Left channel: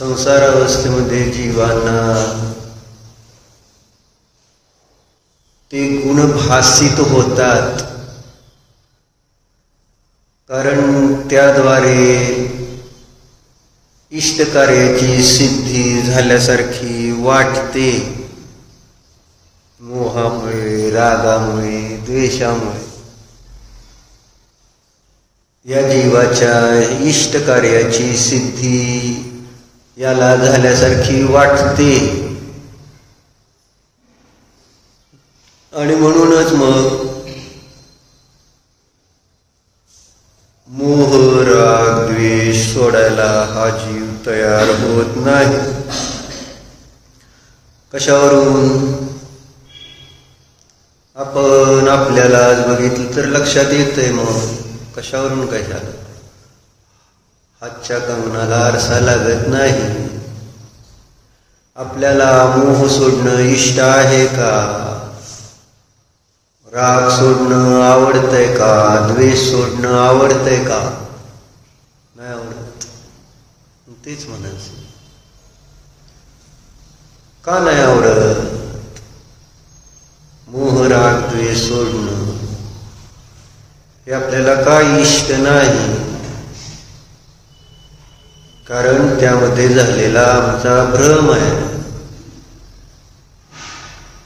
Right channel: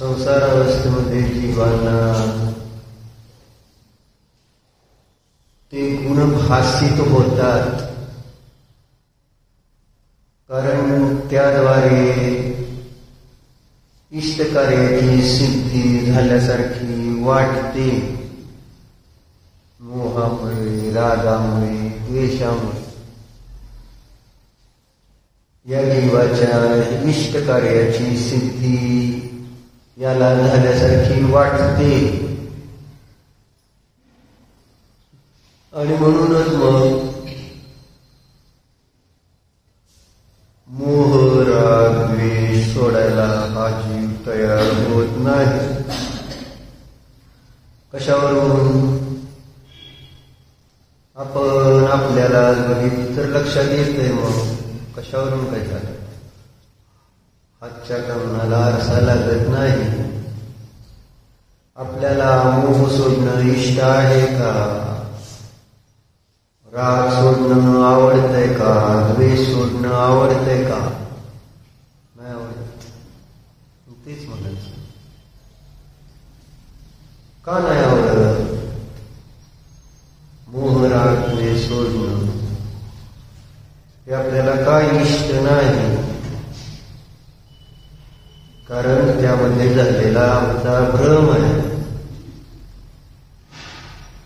संसार अवस्थेमध्ये जीवांना ते गुण भासित होतात, कारण त्याद्वारे इष्टकार्याची सिद्धी झाल्यासारखी वाटते. मोहामुळे, रागामुळे, द्वेषामुळे या जीवाच्या इष्टकार्याची सिद्धी याला झाल्यासारखी वाटते. आणि म्हणूनच मग मोह, राग, द्वेष सोडायला हा जीव तयार होत नाही. कशावरून? आपण आपल्याला बघितलं तर लक्षात येतंय. मग कशावरून काय झालं? हातच्या कंगनाला आरसा लागत नाही. आपल्याला मोह सोडणं इष्ट आहे का? राग सोडणं आवडतंय का? द्वेष सोडणं आवडतंय का? नाही आवडत. तेच म्हणायचं, का नाही आवडत? मोह, राग, द्वेष सोडणं हे आपल्याला का इष्ट नाही? कारण त्यामध्ये झालेला आमचा भ्रम आहे.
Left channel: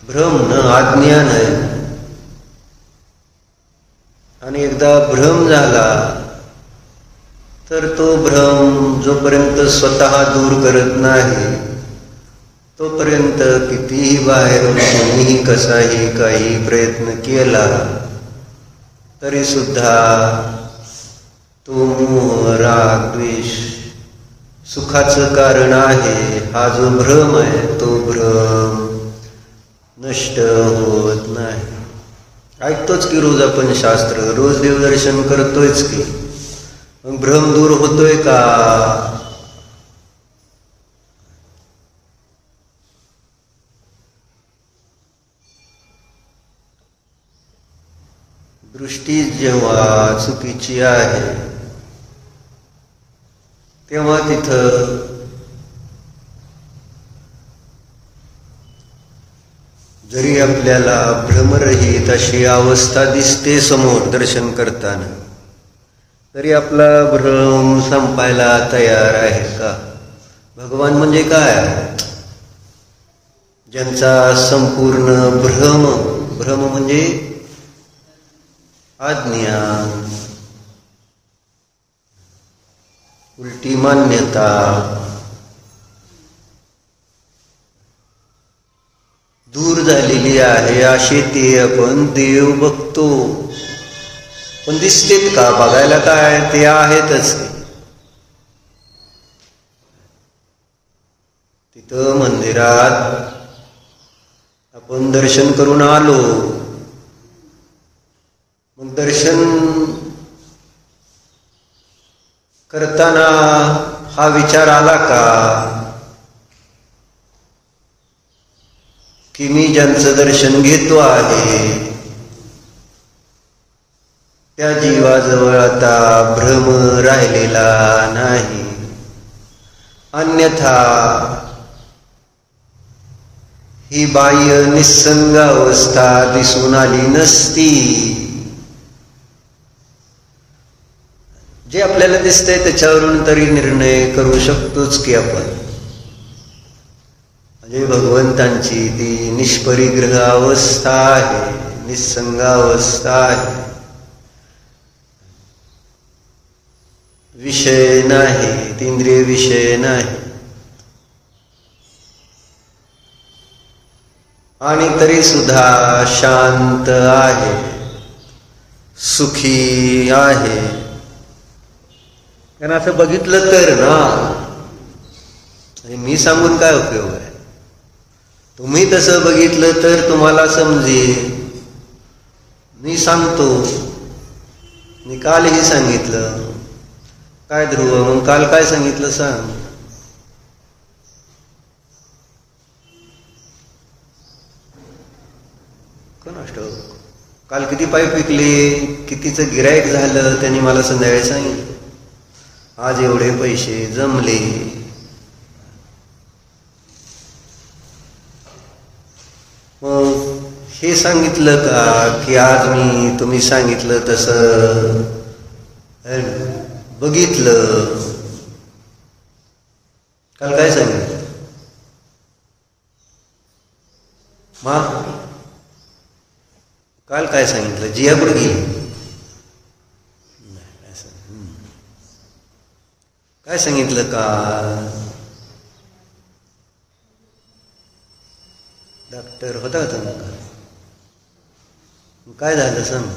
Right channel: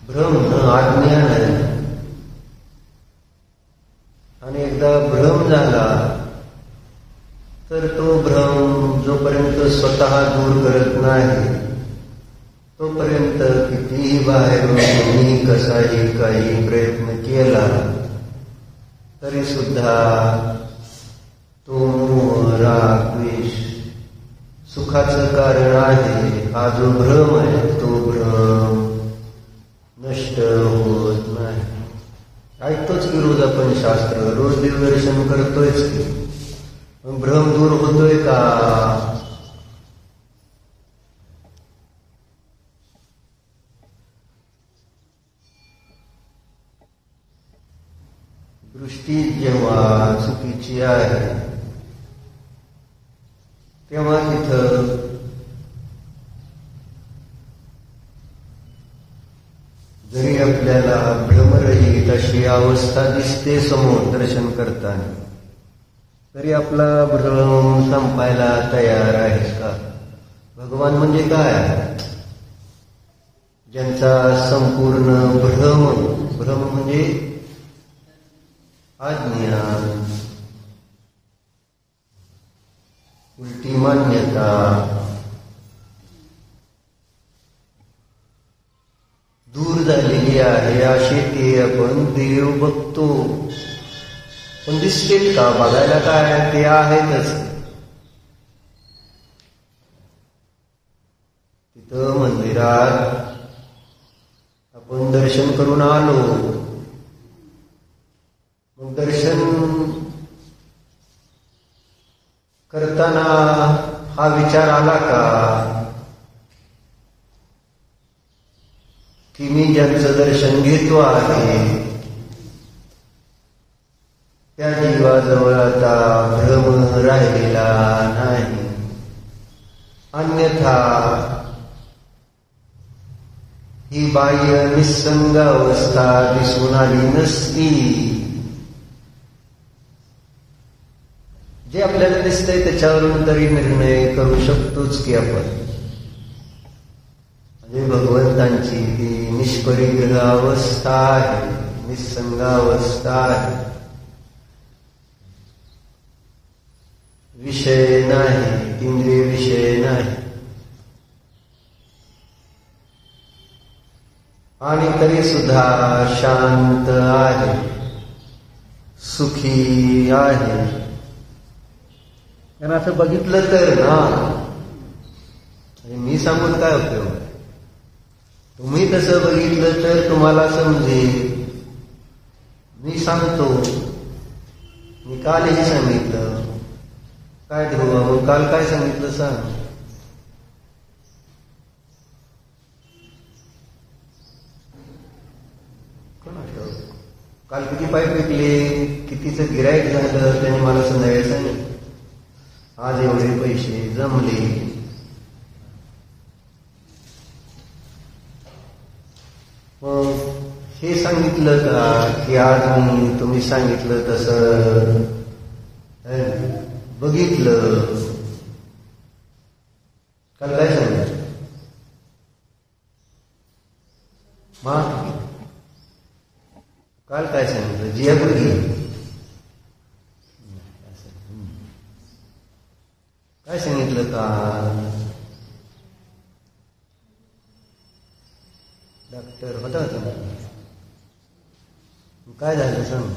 भ्रम न अज्ञान आहे. आणि एकदा भ्रम झाला तर तो भ्रम जोपर्यंत स्वतः दूर करत नाही तोपर्यंत कितीही बाहेरून कोणीही कसाही काही प्रयत्न केला तरी सुद्धा तो मोह, राग, द्वेष सुखाचं कारण आहे हा जो भ्रम आहे तो भ्रम नष्ट होत नाही. ऐकतोच की रोज आपण शास्त्र, रोज देवदर्शन करतोयच की, मग भ्रम दूर होतोय का? दृष्टी जेव्हा चुकीची आहे तेव्हा तिथं जरी आपल्याला भ्रमरहित अशी अवस्था दिसते समोर दर्शन करताना, तरी आपला भ्रम संपायला तयार आहे का? भगवान म्हणजे काय? ज्यांचा संपूर्ण भ्रम म्हणजे अज्ञान, उलटी मान्यता, दूर झालेली आहे, असे ते आपण देव बघतो. पण दिसतेत का? बघायला काय, ते आहेतच. तिथं मंदिरात आपण दर्शन करून आलो, मग दर्शन करताना हा विचार आला का की मी ज्यांचं दर्शन घेतो आहे त्या जीवाजवळ आता भ्रम राहिलेला नाही, अन्यथा ही बाह्य निस्संग अवस्था दिसून आली नसती. जे आपल्याला दिसतंय त्याच्यावरून तरी निर्णय करू शकतोच की आपण. म्हणजे भगवंतांची ती निष्परिग्रह अवस्था आहे, निस्संग अवस्था आहे, विषय नाही, इंद्रिय विषय नाही. आणि तरी सुद्धा शांत आहे, सुखी आहे. कारण असं बघितलं तर ना, मी सांगून काय उपयोग आहे? तुम्ही तसं बघितलं तर तुम्हाला समजेल. मी सांगतो, मी कालही सांगितलं. काय ध्रुव, मग काल काय सांगितलं सांग? काल किती पाईप विकले, कितीचं गिराईक झालं, त्यांनी मला संध्याकाळी सांगितलं. आज एवढे पैसे जमले. मग हे सांगितलं का की आज मी तुम्ही सांगितलं तसं बघितलं? काल काय सांगितलं? काल काय सांगितलं? जियापूर गेली. काय सांगितलं काल? डॉक्टर होता का? काय झालं सांग?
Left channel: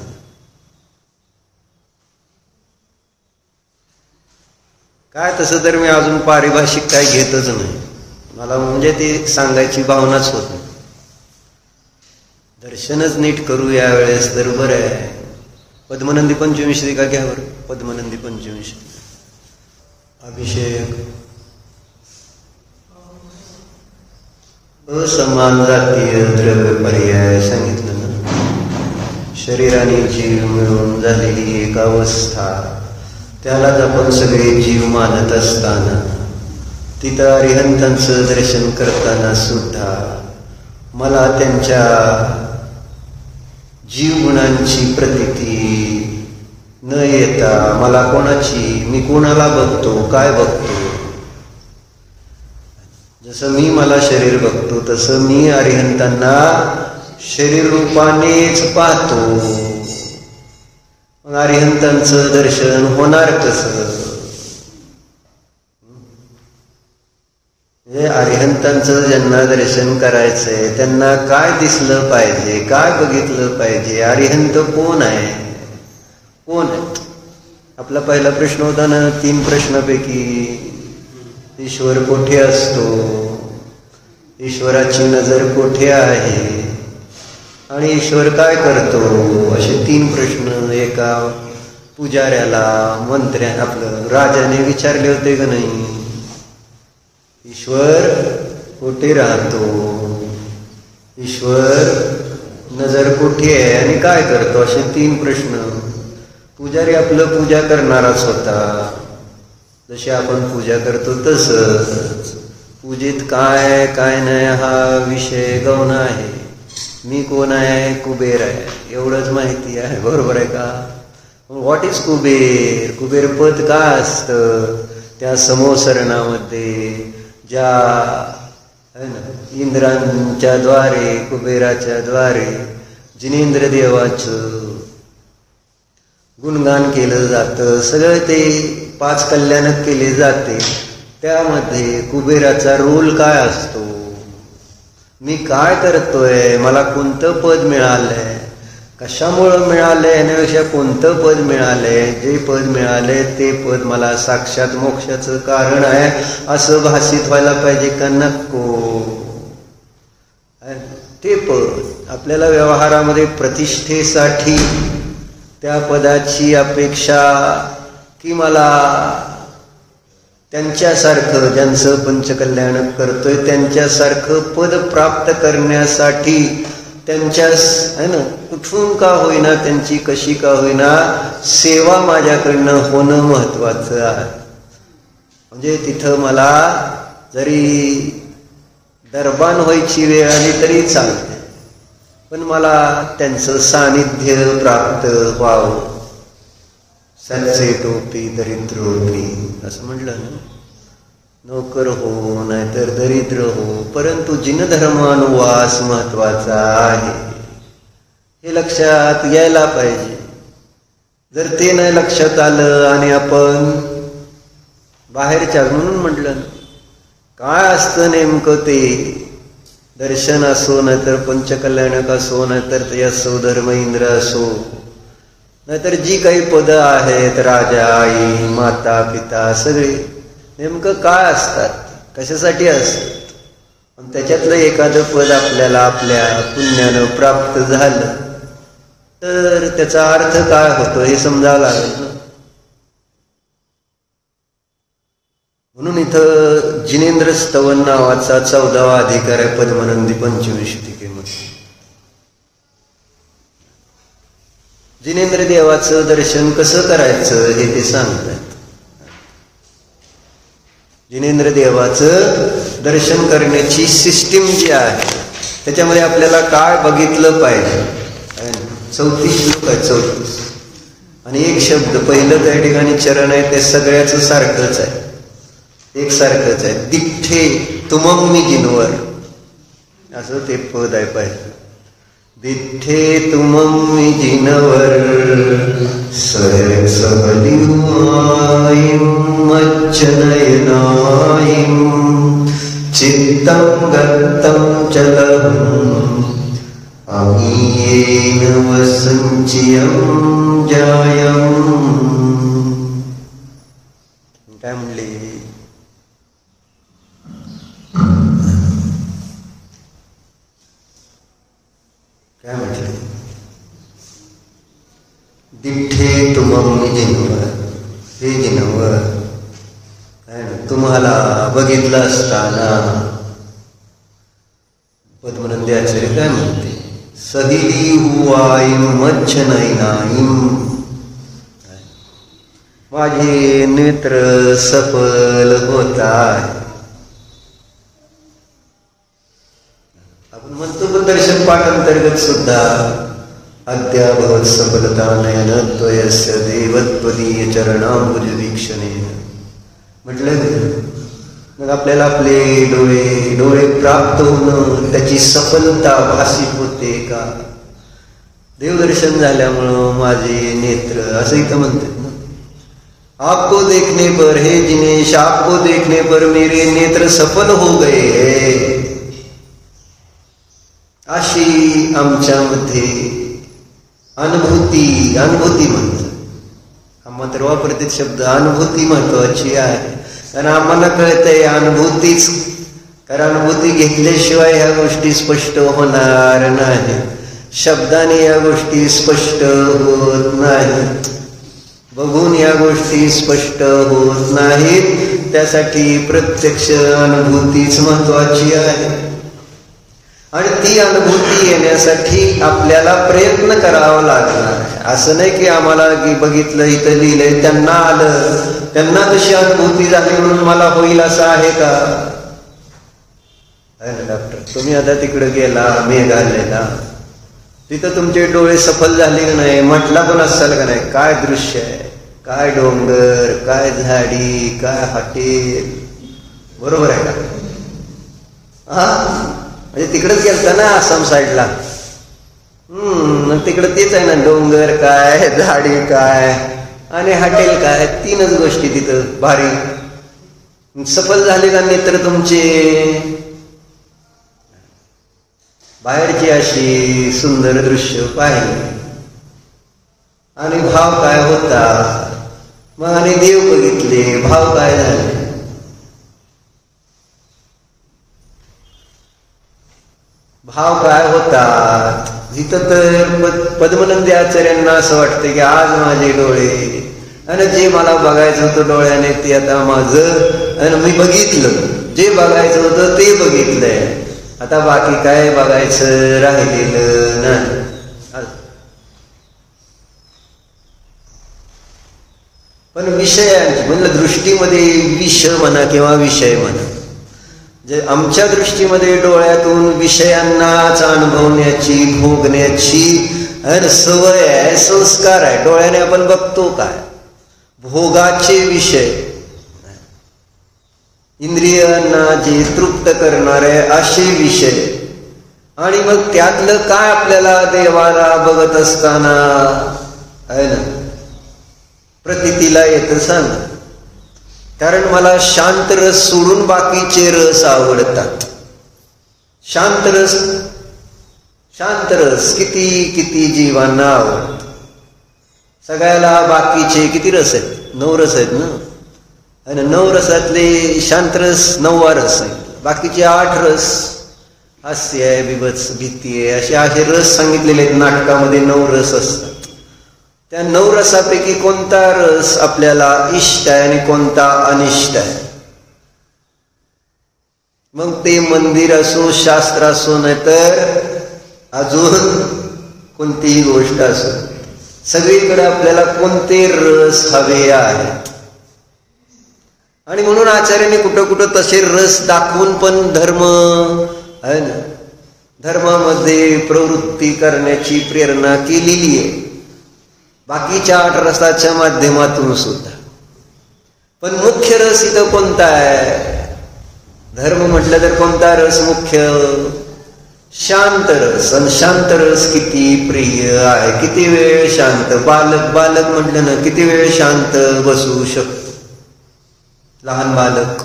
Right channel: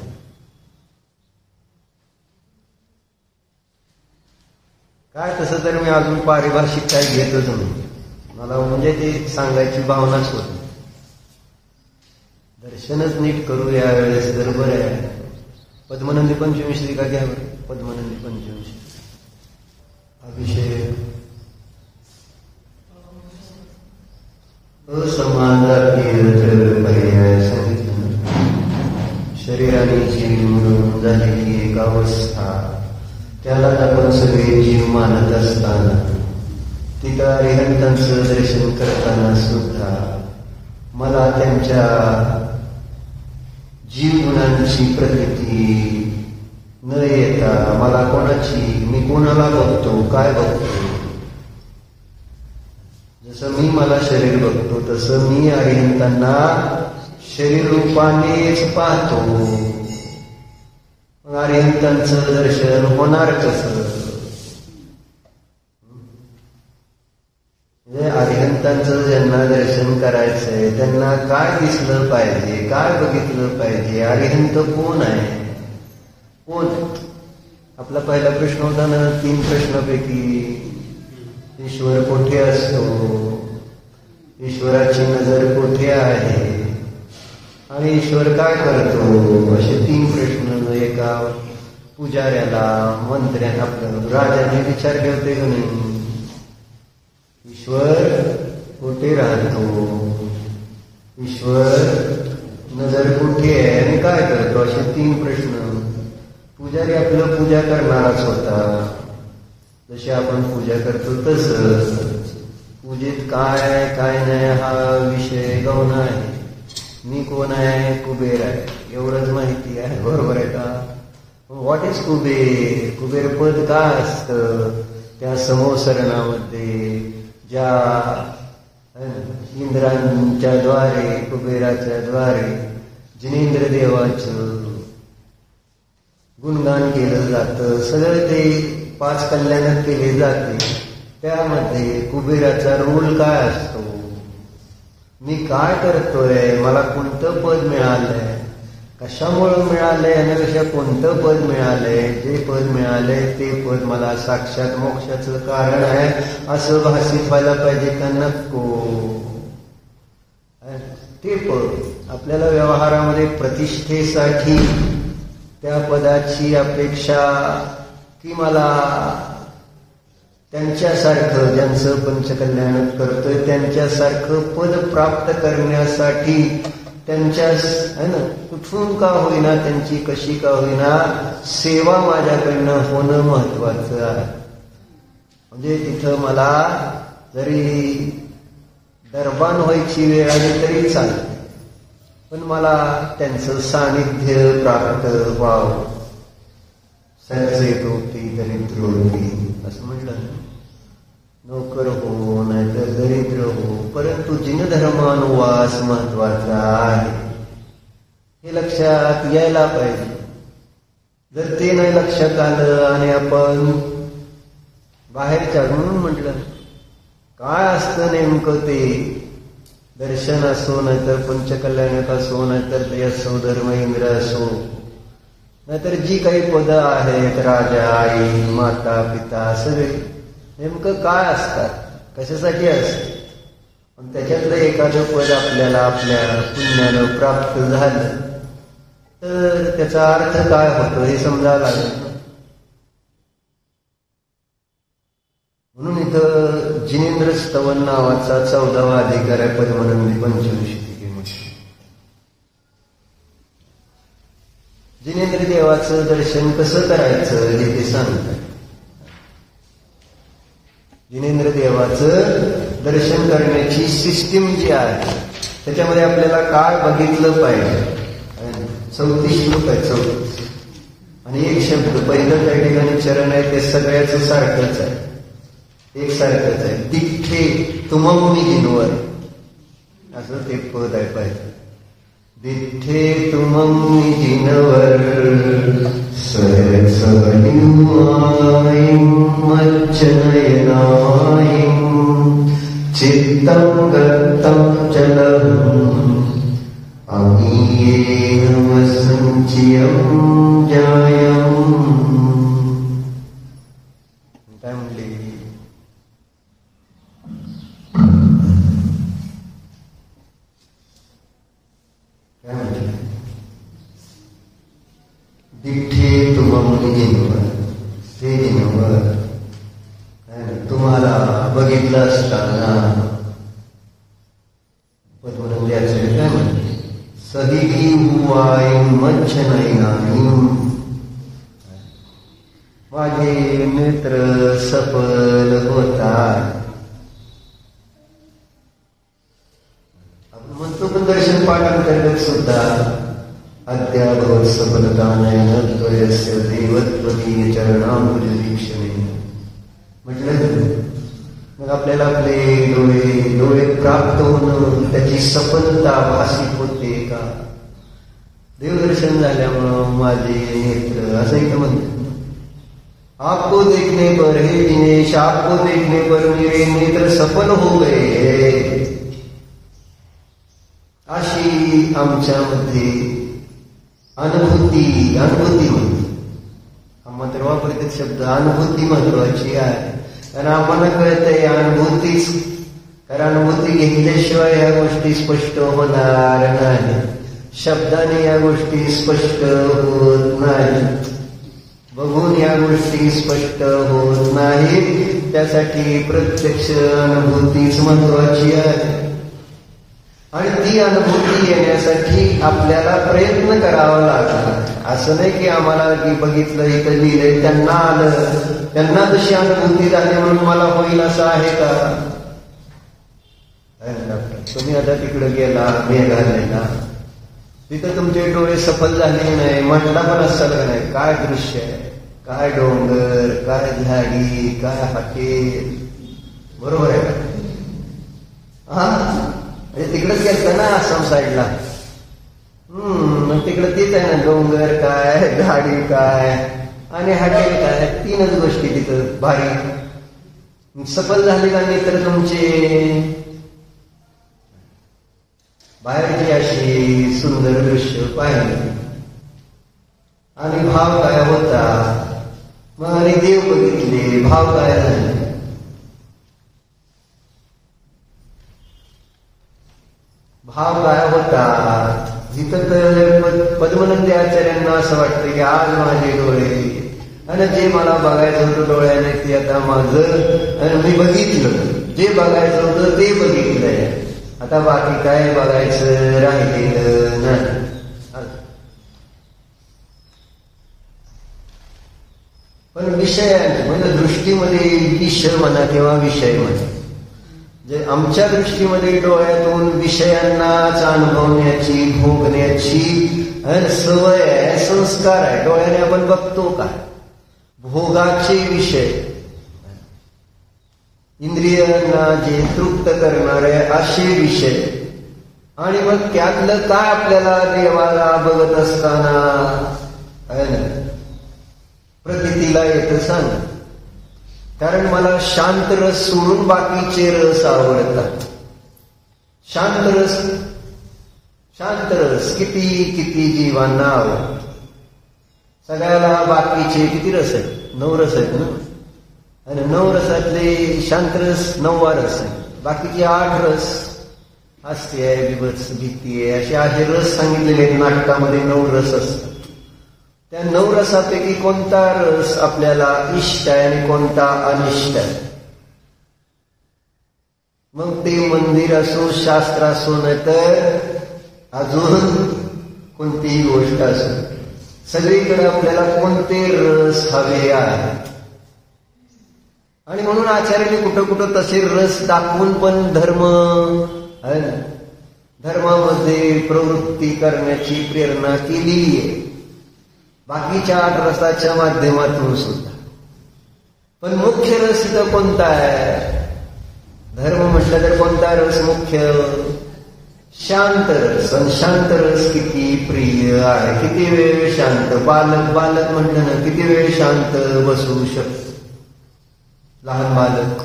काय तसं तर मी अजून पारिभाषिक काय घेतच नाही. मला म्हणजे ते सांगायची भावनाच होत. दर्शनच नीट करू यावेळेस तर बरं आहे. पद्मनंदी पंचविंशती का घ्या बरं. पद्मनंदी पंचविंशती अभिषेक, असमान जातीय द्रव्य पर्याय सांगितलं ना. शरीराने जीव मिळून झालेली एक अवस्था, त्यालाच आपण सगळे जीव मानत असताना तिथं अरिहंतांचं दर्शन करताना सुद्धा मला त्यांच्या जीवगुणांची प्रतीती न येता मला कोणाची, मी कोणाला बघतो, काय बघतो? जसं मी मला शरीर बघतो तसं मी अरिहंतांना शरीर रूपानेच पाहतो. मग अरिहंतांचं दर्शन होणार कसं? म्हणजे अरिहंतांचं ज्यांना दर्शन करायचंय त्यांना काय दिसलं पाहिजे, काय बघितलं पाहिजे? अरिहंत कोण आहे? कोण आहे? आपला पहिला प्रश्न होता ना, 3 प्रश्नापैकी ईश्वर कोठे असतो, ईश्वराची नजर कोठे आहे आणि ईश्वर काय करतो, असे 3 प्रश्न एका पुजाऱ्याला, मंत्र्याने, आपलं राजाने विचारले होते का नाही? ईश्वर कुठे राहतो, ईश्वर नजर कुठे आहे आणि काय करतो, असे 3 प्रश्न. पुजारी आपलं पूजा करणाराच होता. जशी आपण पूजा करतो तसंच पूजेत काय काय नाही हा विषय गौण आहे. मी कोण आहे? कुबेर आहे, एवढंच माहिती आहे. बरोबर आहे का? What is Kuber? कुबेर पद का असतं? त्या समोसरणामध्ये ज्या इंद्रांच्या द्वारे, कुबेराच्या द्वारे जिनेंद्र देवाचं गुणगान केलं जातं. सगळं ते 5 कल्याणात केले जाते. त्यामध्ये कुबेराचा रोल काय असतो? मी काय करतोय? मला कोणतं पद मिळालंय? कशामुळं मिळालंय? यापेक्षा कोणतं पद मिळालंय? जे पद मिळालंय ते पद मला साक्षात मोक्षाचं कारण आहे असं भासित व्हायला पाहिजे का नको? ते पद आपल्याला व्यवहारामध्ये प्रतिष्ठेसाठी त्या पदाची अपेक्षा, की मला त्यांच्यासारखं, ज्यांचं पंचकल्याण करतोय त्यांच्यासारखं पद प्राप्त करण्यासाठी त्यांच्या है ना, कुठून का होईना, त्यांची कशी का होईना सेवा माझ्याकडनं होणं महत्वाचं आहे. म्हणजे तिथं मला जरी दरबान व्हायची वेळ आली तरी चालते, पण मला त्यांचं सानिध्य प्राप्त व्हावं. सच्चे टोपी दरिद्रोपी असं म्हटलं ना. नोकर हो नाहीतर दरिद्र हो, परंतु जिनधर्मानुवास महत्वाचा आहे, हे लक्षात यायला पाहिजे. जर ते नाही लक्षात आलं आणि आपण बाहेरच्या, म्हणून म्हटलं काय असतं नेमकं ते, दर्शन असो नाहीतर पंचकल्याणक असो नाहीतर यशो धर्म इंद्र असो नाहीतर जी काही पद आहेत, राजा, आई, माता, पिता, सगळे नेमकं काय असतात, कशासाठी असतात. पण त्याच्यातलं एखादं पद आपल्याला आपल्या पुण्यानं प्राप्त झालं तर त्याचा अर्थ काय होतो हे समजावं लागेल. म्हणून इथं जिनेंद्र स्तवन नावाचा 14वा अधिकार आहे पद्मनंदी पंचविंशतिकेमध्ये. जिनेंद्र देवाचं दर्शन कसं करायचं हे ते सांगतात. जिनेंद्र देवाचं दर्शन करण्याची सिस्टीम जी आहे त्याच्यामध्ये आपल्याला काय बघितलं पाहिजे. 34 श्लोक आहे, 34 आणि एक शब्द पहिलं त्या ठिकाणी चरण आहे ते सगळ्याच सारखंच आहे, एकसारखंच आहे. दिठ्ठे तुमं मी जिनवर असं ते पद आहे पाहिजे. दिठ्ठे तुमं मी जिनवर सहलिवाईं मच्चनयनाईं चित्तं गत्तं चलम् अमीयेन वसंचियं जायम्. काय म्हणले? काय म्हटलं? दिठ्ठे तुमं जिनवर, हे जिनवर तुम्हाला बघितलं असताना पद्मनंदी आचार्य काय म्हणते? सहलिवाईं मच्चनयनाईं, माझे नेत्र सफल होतात. आपण म्हणतो दर्शन पाठांतर्गत सुद्धा अद्याभवत सफलता नयन त्वयस्य देवत्वदीय चरणांबुज वीक्षणे म्हटलं. मग आपल्याला आपले डोळे प्राप्त होणं, त्याची सफलता भासित होते का? देवदर्शन झाल्यामुळं माझे नेत्र, असं इथं म्हणतात ना, आपको देखने पर हे दिनेश, आपको देखने पर मेरे नेत्र सफल हो गए. अशी आमच्यामध्ये अनुभूती म्हणतो. मात्र वापरते शब्द अनुभूती महत्वाची आहे, कारण आम्हाला कळतंय अनुभूतीच, कारण अनुभूती घेतल्याशिवाय ह्या गोष्टी स्पष्ट होणार नाही. शब्दाने या गोष्टी स्पष्ट होत नाहीत, बघून या गोष्टी स्पष्ट होत नाहीत. त्यासाठी प्रत्यक्ष अनुभूतीच महत्वाची आहे. आणि ती अनुभूती येण्यासाठी आपल्याला प्रयत्न करावा लागणार आहे. असं नाही की आम्हाला की बघितलं इथं लिहिलंय त्यांना आलं, त्यांना तशी अनुभूती झाली म्हणून मला होईल असं आहे का? डॉक्टर तुम्ही आता तिकडे गेला मेघालयला, तिथं तुमचे डोळे सफल झाले का नाही? म्हटला पण असाल का नाही? काय दृश्य आहे, काय डोंगर, काय झाडी, काय हॉटेल, बरोबर आहे का? म्हणजे तिकडेच गेलता ना आसाम साईडला. मग तिकडं तेच आहे ना, डोंगर काय, झाडी काय आणि हॉटेल काय, तीनच गोष्टी तिथं भारी. सफल झाले का नेत्र तुमचे? बाहेरची अशी सुंदर दृश्य पाहिली आणि भाव काय होता, मग आणि देव बघितले, भाव काय झाले? भाव काय होतात? इथं तर पद्मनंदी आचार्यांना असं वाटतं की आज माझे डोळे आणि जे मला बघायचं होतं डोळ्याने ते आता माझं आणि मी बघितलं, जे बघायचं होतं ते बघितलंय, आता बाकी काय बघायचं राहिलेलं नाही. पण विषयांची म्हणजे दृष्टीमध्ये विषय म्हणा किंवा विषय म्हणा, जे आमच्या दृष्टीमध्ये डोळ्यातून विषयांनाच अनुभवण्याची भोगण्याची सवय आहे, संस्कार आहे. डोळ्याने आपण बघतो काय? भोगाचे विषय, इंद्रियांना जे तृप्त करणारे असे विषय. आणि मग त्यातलं काय आपल्याला देवाला बघत असताना आहे ना प्रतीतीला येतं सांग. कारण मला शांत रस सोडून बाकीचे रस आवडतात. शांत रस किती किती जीवांना आवडत. सगळ्याला बाकीचे किती रस आहेत? 9 रस आहेत ना. आणि 9 रसातले शांत रस 9वा रस आहे. बाकीचे 8 रस हास्य आहे, बिभत्स, भीती आहे, असे रस सांगितलेले आहेत नाटकामध्ये. 9 रस असतात. त्या 9 रसापैकी कोणता रस आपल्याला इष्ट आहे आणि कोणता अनिष्ट आहे? मग ते मंदिर असो, शास्त्र असो, नाही तर अजून कोणतीही गोष्ट असो, सगळीकडे आपल्याला कोणते रस हवे आहेत. आणि म्हणून आचार्याने कुठं कुठं तसे रस दाखवून पण धर्म आहे ना, धर्मामध्ये प्रवृत्ती करण्याची प्रेरणा केलेली आहे, बाकीच्या 8 रसाच्या माध्यमातून सुद्धा. पण मुख्य रस इथं कोणता आहे? धर्म म्हटलं तर कोणता रस मुख्य? शांत रस. आणि शांत रस किती प्रिय आहे. किती वेळ शांत, बालक म्हटलं ना, किती वेळ शांत बसू शकतो? लहान बालक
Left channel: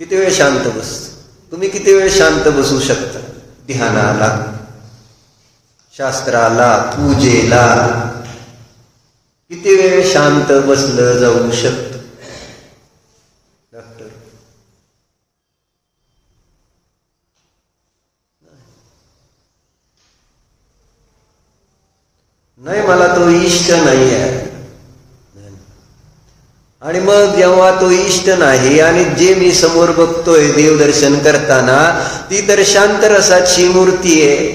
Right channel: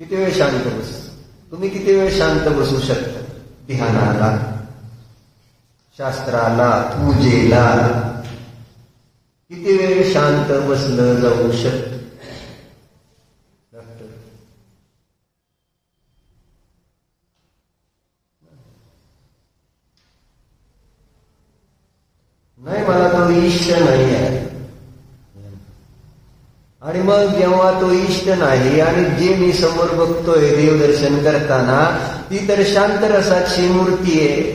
किती वेळ शांत बसतो? तुम्ही किती वेळ शांत बसू शकता? ध्यानाला, शास्त्राला, पूजेला किती वेळ शांत बसलं जाऊ शकतं? डॉक्टर नाही, मला तो इष्ट नाही आहे. आणि मग जेव्हा तो इष्ट नाही आणि जे मी समोर बघतोय देवदर्शन करताना, ती तर शांत रसाची मूर्ती आहे.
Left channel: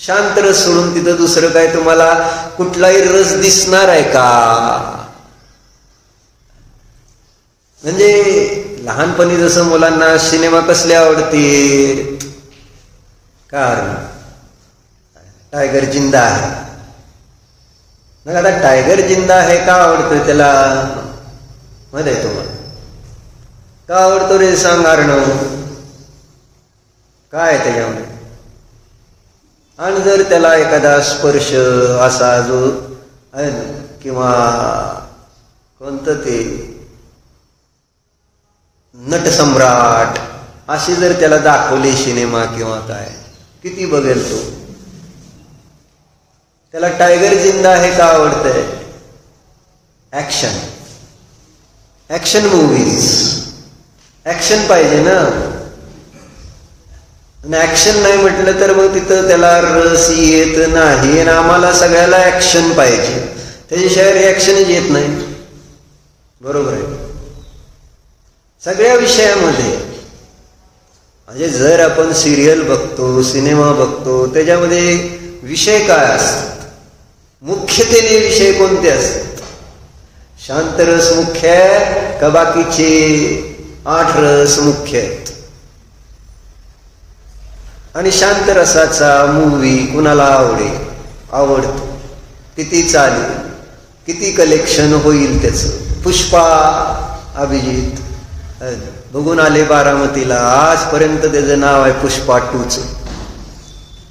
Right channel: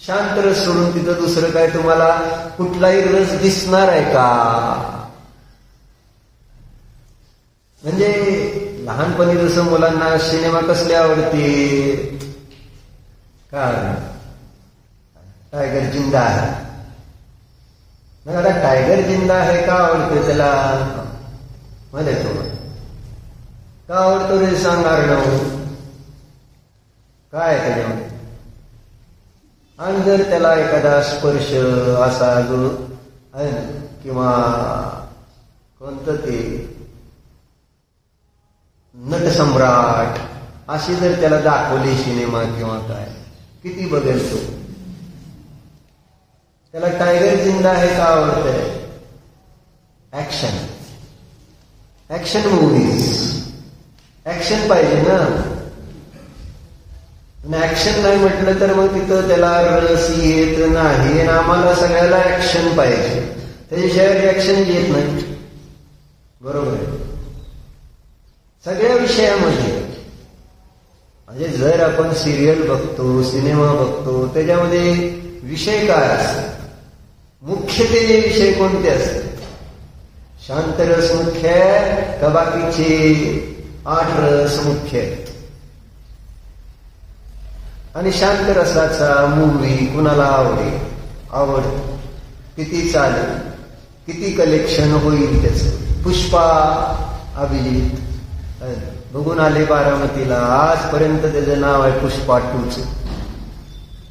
शांत रस सोडून तिथं दुसरं काय तुम्हाला कुठलाही रस दिसणार आहे का? म्हणजे लहानपणी जसं मुलांना सिनेमा कसले आवडते? कारण टायगर जिंदा आहे. मग आता टायगर जिंदा आहे का आवडतं त्याला? मध्ये तुला का आवडतो रे? सांग कारण काय त्याच्यामध्ये? आणि जर त्याला एखादा स्पर्श असा जो आहे किंवा कोणतं ते नटसम्राट अशी जर त्याला दाखवली सिनेमा किंवा काय, किती बघेल तो? त्याला टायगर जिंदा आहे का आवडतंय? ऍक्शन मूवीज, ऍक्शन पाहिजे ना. ऍक्शन नाही म्हटलं तर मग तिथं त्याला रस येत नाही. आणि आम्हाला सगळ्याला ऍक्शन पाहिजे, त्याच्याशिवाय रिॲक्शनच येत नाही. बरोबर आहे. सगळ्या विषयामध्ये म्हणजे जर आपण सिरियल बघतो, सिनेमा बघतो, त्याच्यामध्ये विषय काय असतात, मुख्यतेने विषय कोणते असतात? शांत रस मुख्य आहे का बाकीचे 8 रस मुख्य आहेत? आणि शांत रसाचा मूवी कुणाला आवडतो, किती चालेल, किती कलेक्शन होईल त्याचं? पुष्पा अभिजित बघून आले बारामतीला, आजपर्यंत त्याचं नाव आहे पुष्पा 2च.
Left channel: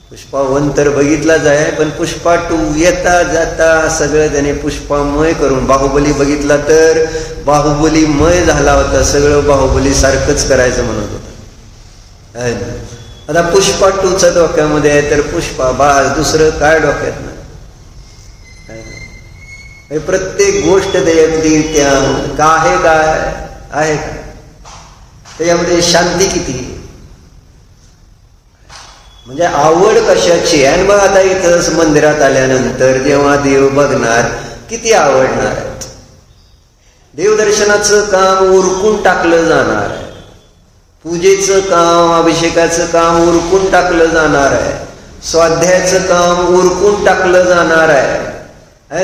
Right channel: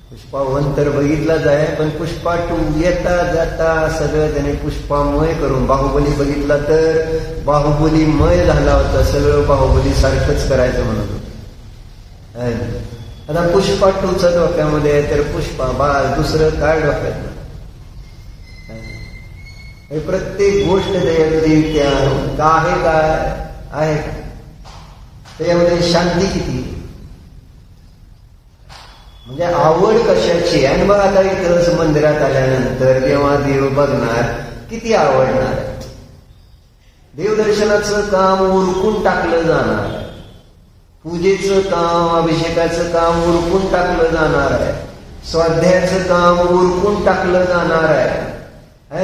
पुष्पा 1 तर बघितलाच आहे, पण पुष्पा 2 येता जाता सगळं त्याने पुष्पामय करून, बाहुबली बघितला तर बाहुबलीमय झाला होता, सगळं बाहुबली सारखंच करायचं म्हणत होतं. आता पुष्पा 2चा डोक्यामध्ये आहे तर पुष्पा बास, दुसरं काय डोक्यात नाही. प्रत्येक गोष्ट त्याच्यातली त्या काय आहे, त्याच्यामध्ये शांती किती, म्हणजे आवड कशाची. आणि मग आता इथं मंदिरात आल्यानंतर जेव्हा देव बघणार, किती आवडणार आहेत. देवदर्शनाचं काम उरकून टाकलं जाणार आहे, पूजेचं काम, अभिषेकाचं काम उरकून टाकलं जाणार आहे, स्वाध्यायाचं काम उरकून टाकलं जाणार आहे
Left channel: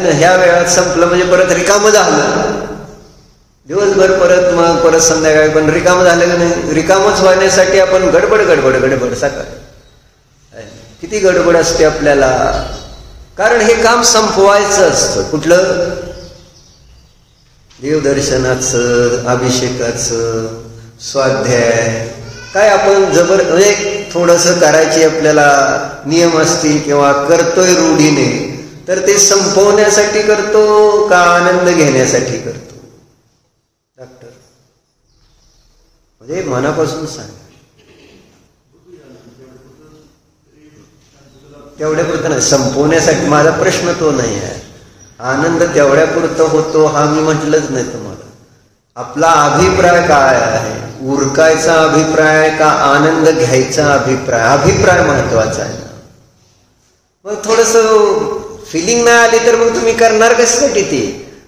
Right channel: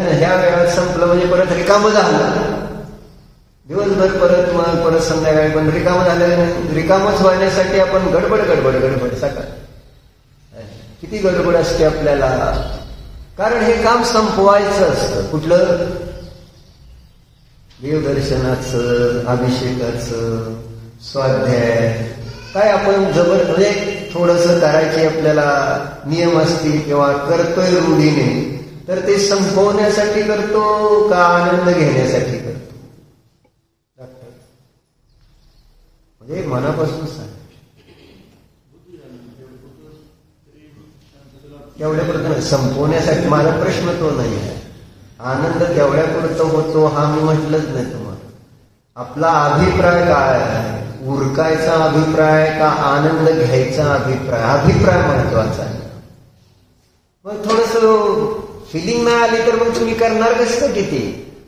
ना. ह्या वेळात संपलं म्हणजे परत रिकामं झालं, दिवसभर परत संध्याकाळी पण रिकामं झालं का नाही? रिकामच होण्यासाठी आपण गडबड सकाळ किती गडबड असते आपल्याला, कारण हे काम संपवायचं असतं. कुठलं? देवदर्शनाचं, अभिषेकाचं, स्वाध्याय. काय आपण म्हणजे थोडंसं करायचे आपल्याला नियम असतील किंवा करतोय रूढीने, तर ते संपवण्यासाठी करतो का आनंद घेण्यासाठी करतो? डॉक्टर म्हणजे मनापासून सांग, तेवढ्यापुरतं नाही, संपवण्यासाठी. माझा प्रश्न तो नाही आहे. आनंद तेवढ्यापुरतं होतो हा मी म्हटलंच नाही तुम्हाला. आपला अभिप्राय काय आहे? उरकायचा अभिप्राय का आनंद घ्यायचा अभिप्राय? अभिप्राय महत्वाचा आहे. मग थोडस फिलिंग नाही आली तर मग तुम्ही करणार कशासाठी? ते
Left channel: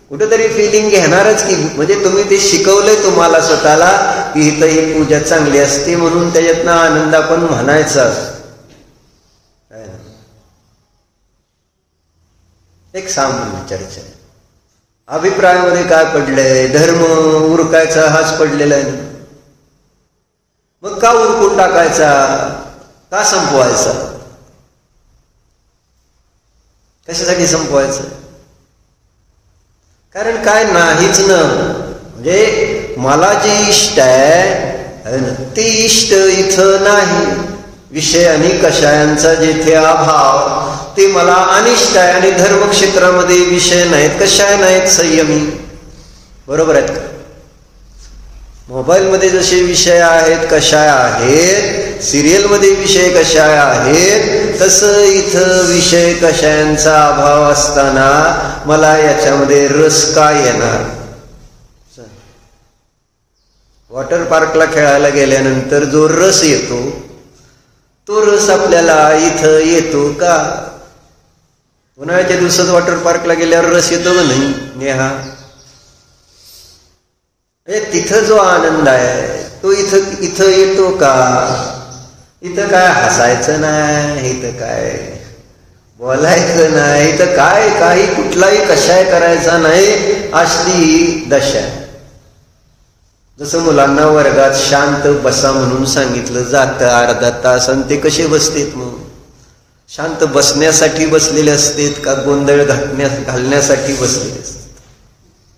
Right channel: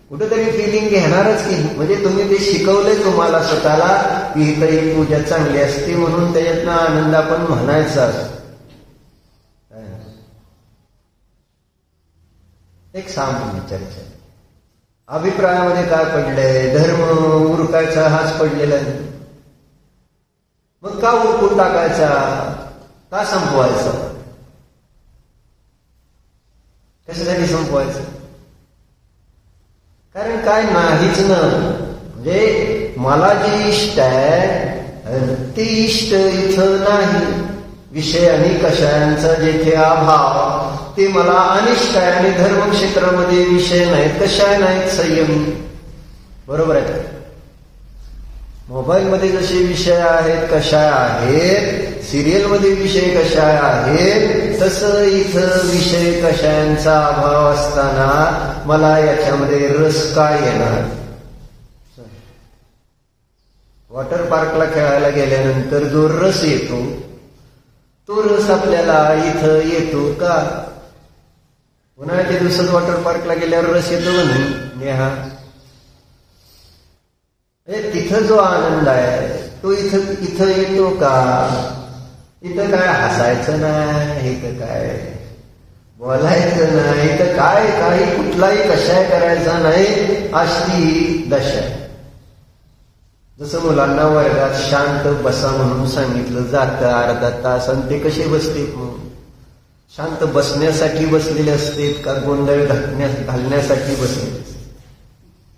कुठेतरी फिलिंग घेणारच की. म्हणजे तुम्ही ते शिकवलंय तुम्हाला स्वतःला की इथं ही पूजा चांगली असते म्हणून त्याच्यातनं आनंद आपण म्हणायचा असतो. एक सामान्य चर्चा आहे. अभिप्रायामध्ये काय पडलंय? धर्म उरकायचा हाच पडलेला आहे. मग का उरकून टाकायचा? का संपवायचा? कशासाठी संपवायचं? कारण काय नाहीच ना. म्हणजे मला जे इष्ट आहे ते इष्ट इथं नाही. विषय आणि कषायांचा जेथे अभाव ते मला अनिष्ट आहे. आणि धर्मक्षेत्रामध्ये विषय नाहीत, कषाय नाहीत, संयमी. बरोबर आहेत का? मोबाईलमध्ये जसे विषय आहेत, कषाय आहेत, सिरियलमध्ये विषय कषाय आहेत, तसं इथं विषय कषायांचा अभाव असताना मला याच्यामध्ये रस काय येणार? वॉटर पार्कला खेळायला गेल्यानंतर जो रस येतो तो रस आपल्याला इथं येतो का? उन्हाळ्याच्या दिवसात वॉटर पार्कला गेल्यावर रस येतो का नाही नेहा? तिथं जो आनंद आहे तो इथं येतो का? इथं काय हसायचं नाही, इथं काय बोलायचं नाही, इथं काय काही कुठलाही कशाय करायचा नाही, असली दशा. जसं मुलांना वर्गात शांत बसा म्हणून सांगितलं जातं अर्धा तास, आणि ते कसे बसतेत? मग शांत बसण्यासाठी बसलेले असतेत का गोंधळ घालण्यासाठी बसलेले असतात?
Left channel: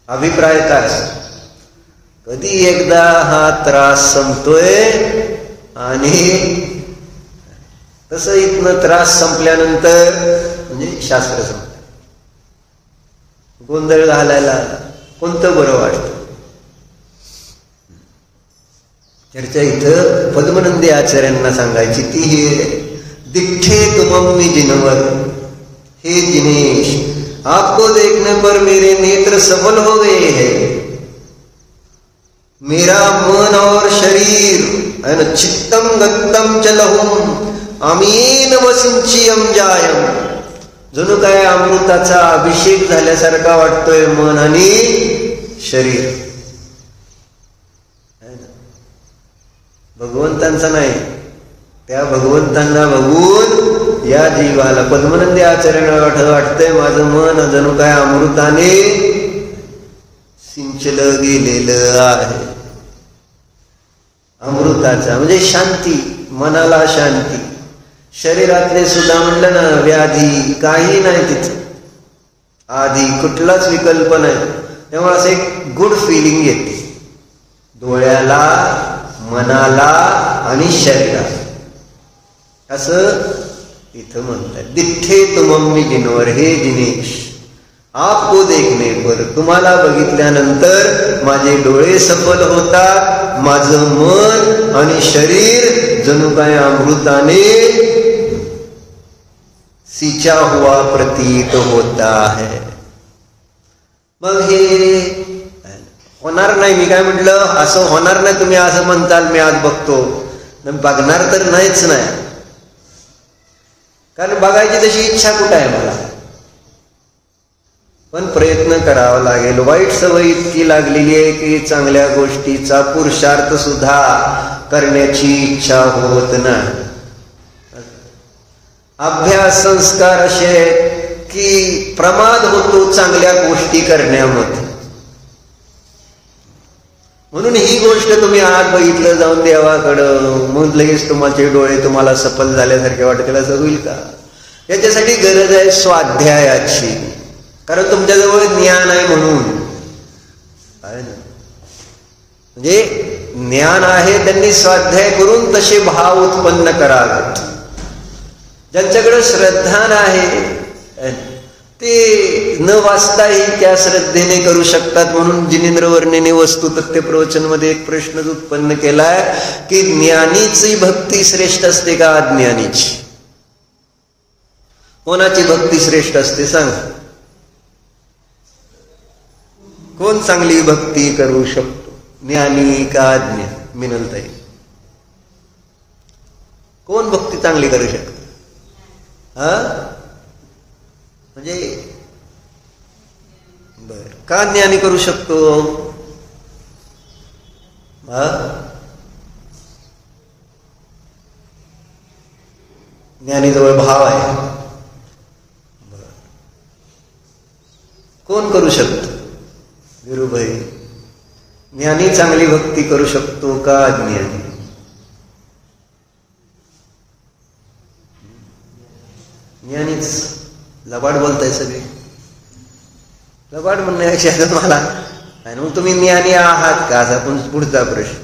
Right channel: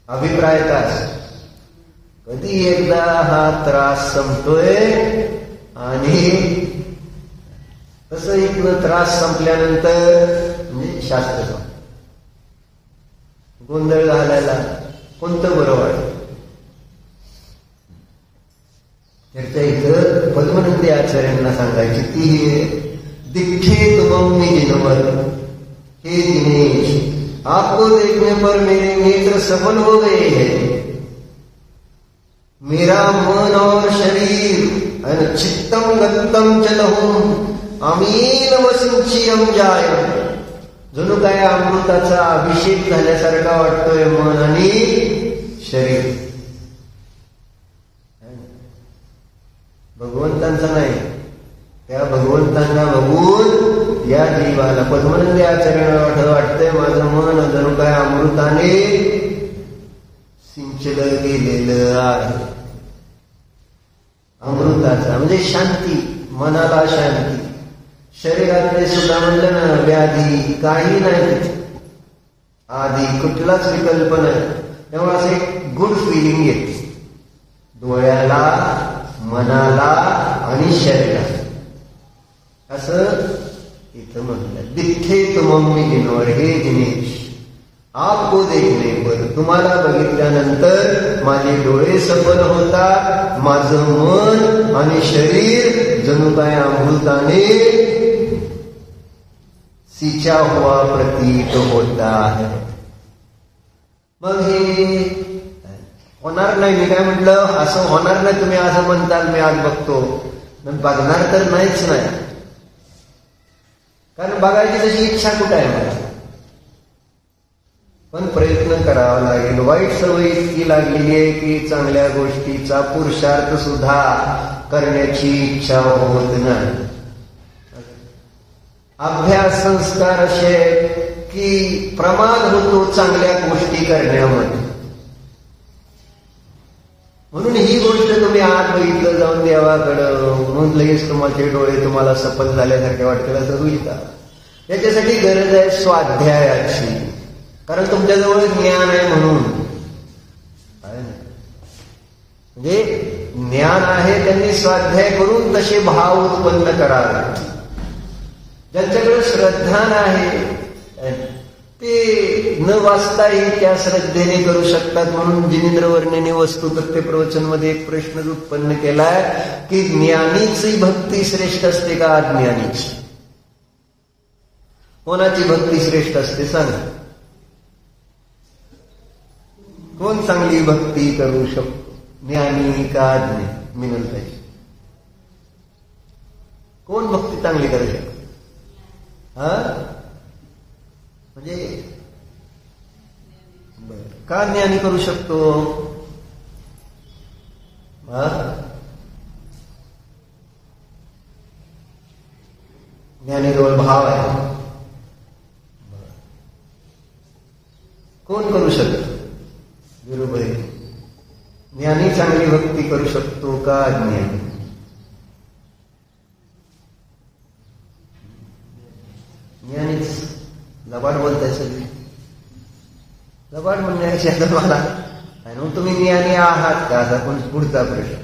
अभिप्राय काय असतो? कधी एकदा हा त्रास संपतोय आणि तसं इथनं त्रास संपल्यानंतर म्हणजे शास्त्र संपलं. गोंधळ घालायला कोणतं बरं वाटतं? चर्चा इथं पद्मनंदी आचार्यांना सांगायची ती ही, दिठे तुम मी जिनवर, हे जिनेश आपको देखने पर मेरे नेत्र सबल हो गए हैं, मेरा मन और शरीर चित्तम गत्तम चलहुम अमीन वसिंचियम जायम. जणू काय अमृताचा अभिषेक झाल्यासारखा वाटतोय मन आणि शरीर. भगवंतांचा नाही, भगवंतांना बघून या जीवाला पद्मनंदी आचार्यांना वाटतंय माझं मन जणू काय अमृताने सिंचलं गेलेलं आहे. अमृताचा म्हणजे शांती, मनाला शांती. शरीरातले सुद्धा म्हणलं ना व्याधी काही नाही तिथं, आधी कुठलाच विकल्प नाही. तेव्हा असं एक गुड फिलिंग येते डोळ्याला, मनाला आणि शरीराला. असं इथं म्हणतात दिठे तुमम्मी दिनवर, हे दिनेश आपको देखने पर, तुम्हाला बघितल्यानंतर माझे डोळे सफल होतात, माझं मन आणि शरीर जणू काय अमृताने सिंचा हुआ प्रतीत होता है. मग हे होणार नाही. मी काय म्हटलं, असं होणार नाही. तुम्ही असं म्हणताल मी आज बघतो, बघणार तर नाहीच नाही. कारण बघायची तशी इच्छा कुठं आहे मला, पण प्रयत्न करावा लागेल. वाईट सवय इतकी लागलेली आहे की चांगल्या गोष्टीचा पुरुषार्थ सुद्धा करण्याची इच्छा होत नाही. अभ्यास संस्कार असे की प्रमाद होतो चांगल्या गोष्टी करण्यामध्ये. म्हणून ही गोष्ट तुम्ही आज बघितलं जाऊन देवाकडं, मग लगेच तुमचे डोळे तुम्हाला सफल झाल्यासारखे वाटतील, असं होईल का? याच्यासाठी गरज आहे स्वाध्यायाची. कारण तुमच्याजवळ ज्ञान आहे म्हणून, म्हणजे ज्ञान आहे त्यांनी स्वाध्याय करून तसे भाव उत्पन्न करावे. ज्यांच्याकडे श्रद्धा आहे ते न वाचताही त्या श्रद्धेने करू शकतात. म्हणून जिनेंद्र वर्णेने वस्तु तथ्य प्रवचन मध्ये एक प्रश्न उत्पन्न केलाय की ज्ञानीची भक्ती श्रेष्ठ असते का अज्ञानीची? कोणाची भक्ती श्रेष्ठ असते सांग? कोण चांगली भक्ती करू शकतो, ज्ञानी का अज्ञानी? मिनंताई, कोण भक्ती चांगली करू शकतो? म्हणजे बर, का ज्ञानी करू शकतो? ज्ञानीजवळ भाव आहे. कोण करू शकतो? गुरुभाई, ज्ञानी चांगली भक्ती करू शकतो का अज्ञानी? ज्ञानीच. लबाड बोलताय सगळे. लबाड म्हणण्यापेक्षा मला मग तुम्ही ज्ञानी आहात का असा पुढचा प्रश्न.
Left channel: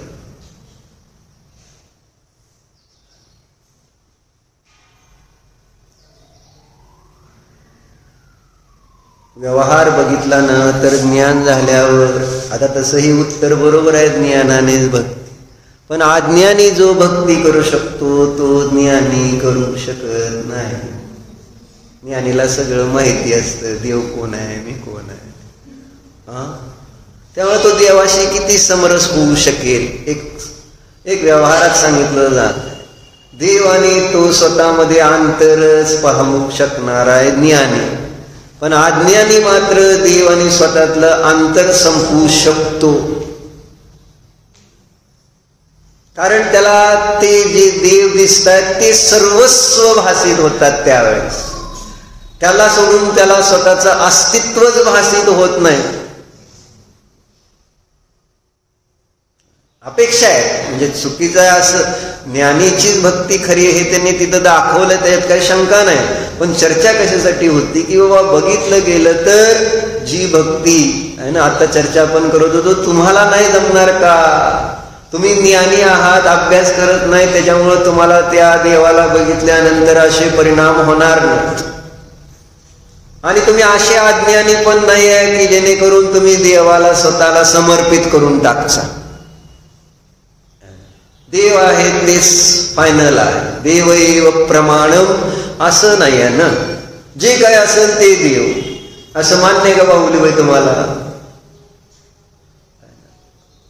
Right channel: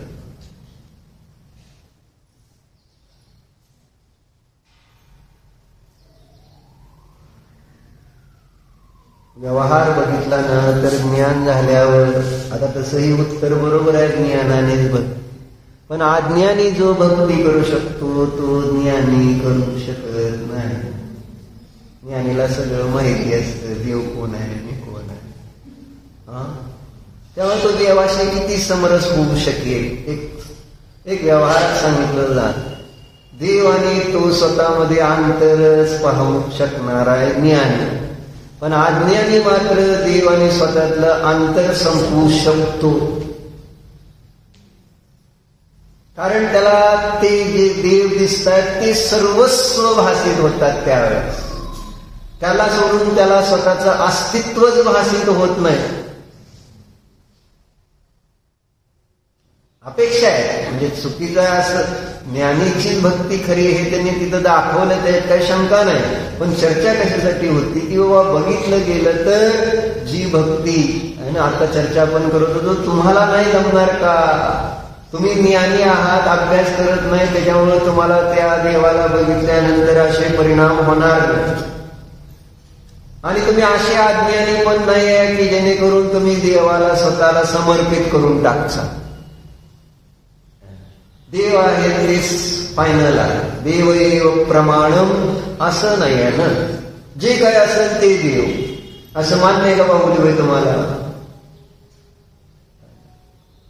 व्यवहार बघितला ना तर ज्ञान झाल्यावर, आता तसंही उत्तर बरोबर आहे, ज्ञानानेच भक्ती. पण अज्ञानी जो भक्ती करू शकतो तो ज्ञानी करू शकत नाही. ज्ञानीला सगळं माहिती असतं, देव कोण आहे, मी कोण आहे. त्यामुळे तो देवाशी किती समरस होऊ शकेल. एक व्यवहारात सांगितलं जात, देव आणि तो स्वतःमध्ये आंतरच पाहू शकणार आहे ज्ञानी. पण अज्ञानी मात्र देव आणि स्वतःतलं अंतर संपवू शकतो. कारण त्याला ते जे देव दिसतात ते सर्वस्व भासित होतात. त्यावेळेस त्याला सोडून त्याला स्वतःचं अस्तित्वच भासित होत नाही. अपेक्षा आहे म्हणजे चुकीचं आहे असं, ज्ञानीचीच भक्ती खरी हे त्यांनी तिथं दाखवलं, त्याच्यात काही शंका नाही. पण चर्चा कशासाठी होती की बाबा बघितलं गेलं तर जी भक्ती आहे ना, आता चर्चा आपण करत होतो, तुम्हाला नाही जमणार का? तुम्ही ज्ञानी आहात, अभ्यास करत नाही, त्याच्यामुळे तुम्हाला त्या देवाला बघितल्यानंतर असे परिणाम होणार नाहीत. आणि तुम्ही असे अज्ञानी पण नाही आहे की जेणेकरून तुम्ही देवाला स्वतःला समर्पित करून टाकचा. देव आहे तेच फायनल आहे, देव एव प्रमाणम असं नाही आहे ना. जे काय असेल ते देव असं मान्य का बाहुली तुम्हाला?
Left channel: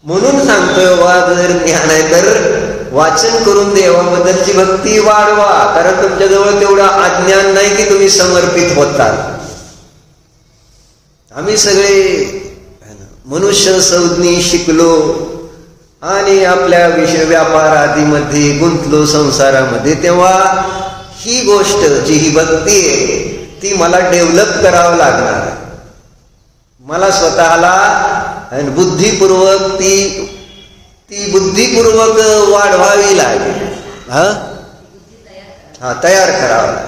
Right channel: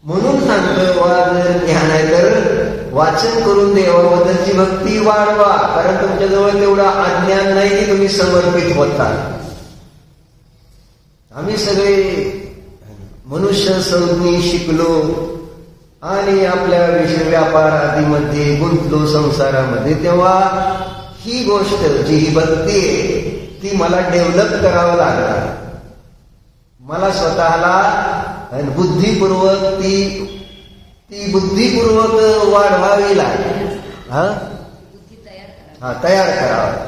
म्हणून सांगतोय वा जर ज्ञान आहे तर वाचन करून देवाबद्दलची भक्ती वाढवा. कारण तुमच्याजवळ तेवढं अज्ञान नाही की तुम्ही समर्पित होता. आम्ही सगळे मनुष्य संज्ञी शिकलो आणि आपल्या विषय व्यापार आदीमध्ये गुंतलो संसारामध्ये, तेव्हा ही गोष्ट जी ही भक्ती आहे ती मला डेव्हलप करावं लागणार. मला स्वतःला बुद्धिपूर्वक ती बुद्धिपूर्वक वाढवावी लागेल. तयार करावं.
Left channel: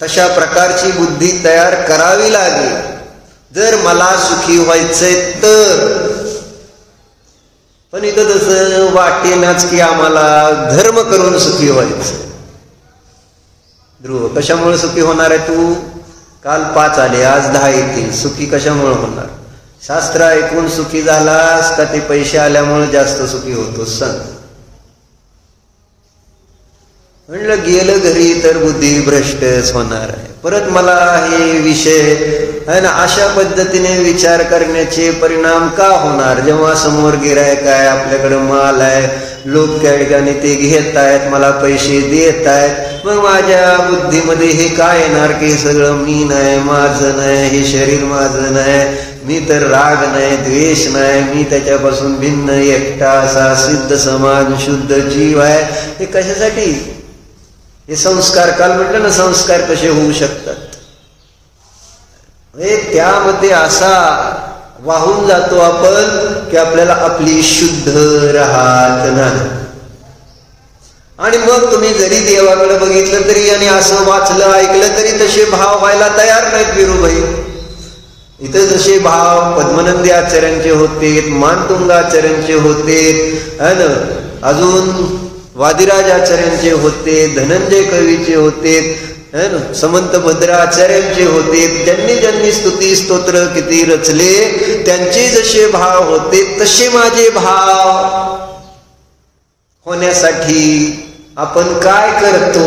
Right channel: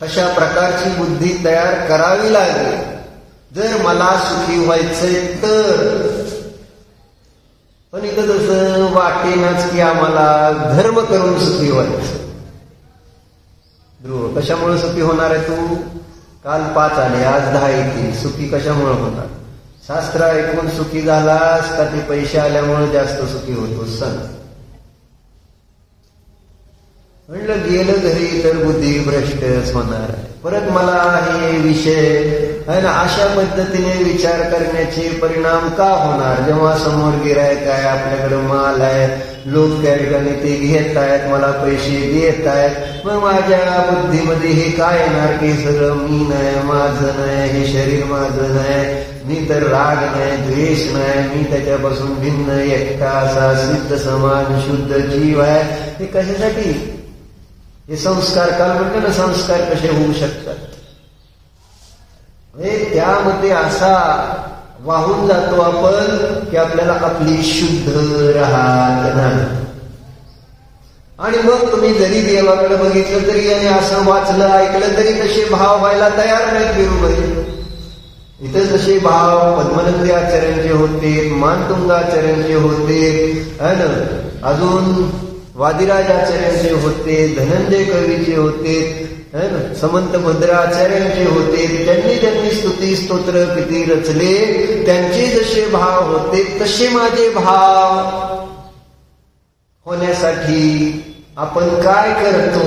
तशा प्रकारची बुद्धी तयार करावी लागेल जर मला सुखी व्हायचंय तर. पण इथं तसं वाटेनाच की आम्हाला धर्म करून सुखी व्हायचं. ध्रुव, कशामुळे सुखी होणार आहे तू? काल 5 आले, आज 10 येतील. सुखी कशामुळे होणार? शास्त्र ऐकून सुखी झालास का ते पैसे आल्यामुळे जास्त सुखी होतो? सांग. म्हणलं गेलं घरी तर बुद्धी भ्रष्टच होणार आहे. परत मला हे विषय आहे ना अशा पद्धतीने विचार करण्याचे परिणाम का होणार? जेव्हा समोर गिरायक आहे, आपल्याकडे माल आहे, लोक त्या ठिकाणी ते घेत आहेत, मला पैसे देत आहेत, मग माझ्या बुद्धीमध्ये हे काय येणार की सगळं मी नाही, माझं नाही, हे शरीर माझं नाही, मी तर राग नाही, द्वेष नाही, मी त्याच्यापासून भिन्न एकटा असा सिद्ध समान शुद्ध जीव आहे. हे कशासाठी? हे संस्कार, काल म्हटलं ना संस्कार कसे होऊ शकतात. त्यामध्ये असा वाहून जातो आपण की आपल्याला आपली शुद्ध राहत नाही. आणि मग तुम्ही जरी देवाकडे बघितलं तरी आणि असं वाचलं ऐकलं तरी तसे भाव व्हायला तयार नाहीत विरुबाई. इथं जसे भाव पद्मनंदी आचार्यांचे होते, मानतुंग आचार्यांचे होते, अजून वादिराज आचार्यांचे होते, धनंजय कवीचे होते, समंत भद्राचार्यांचे होते. त्यांनी ज्यांनी स्तुती स्तोत्र किती रचले, त्यांचे जसे भाव होते तसे माझे भाव होण्यासाठी आपण काय करतो?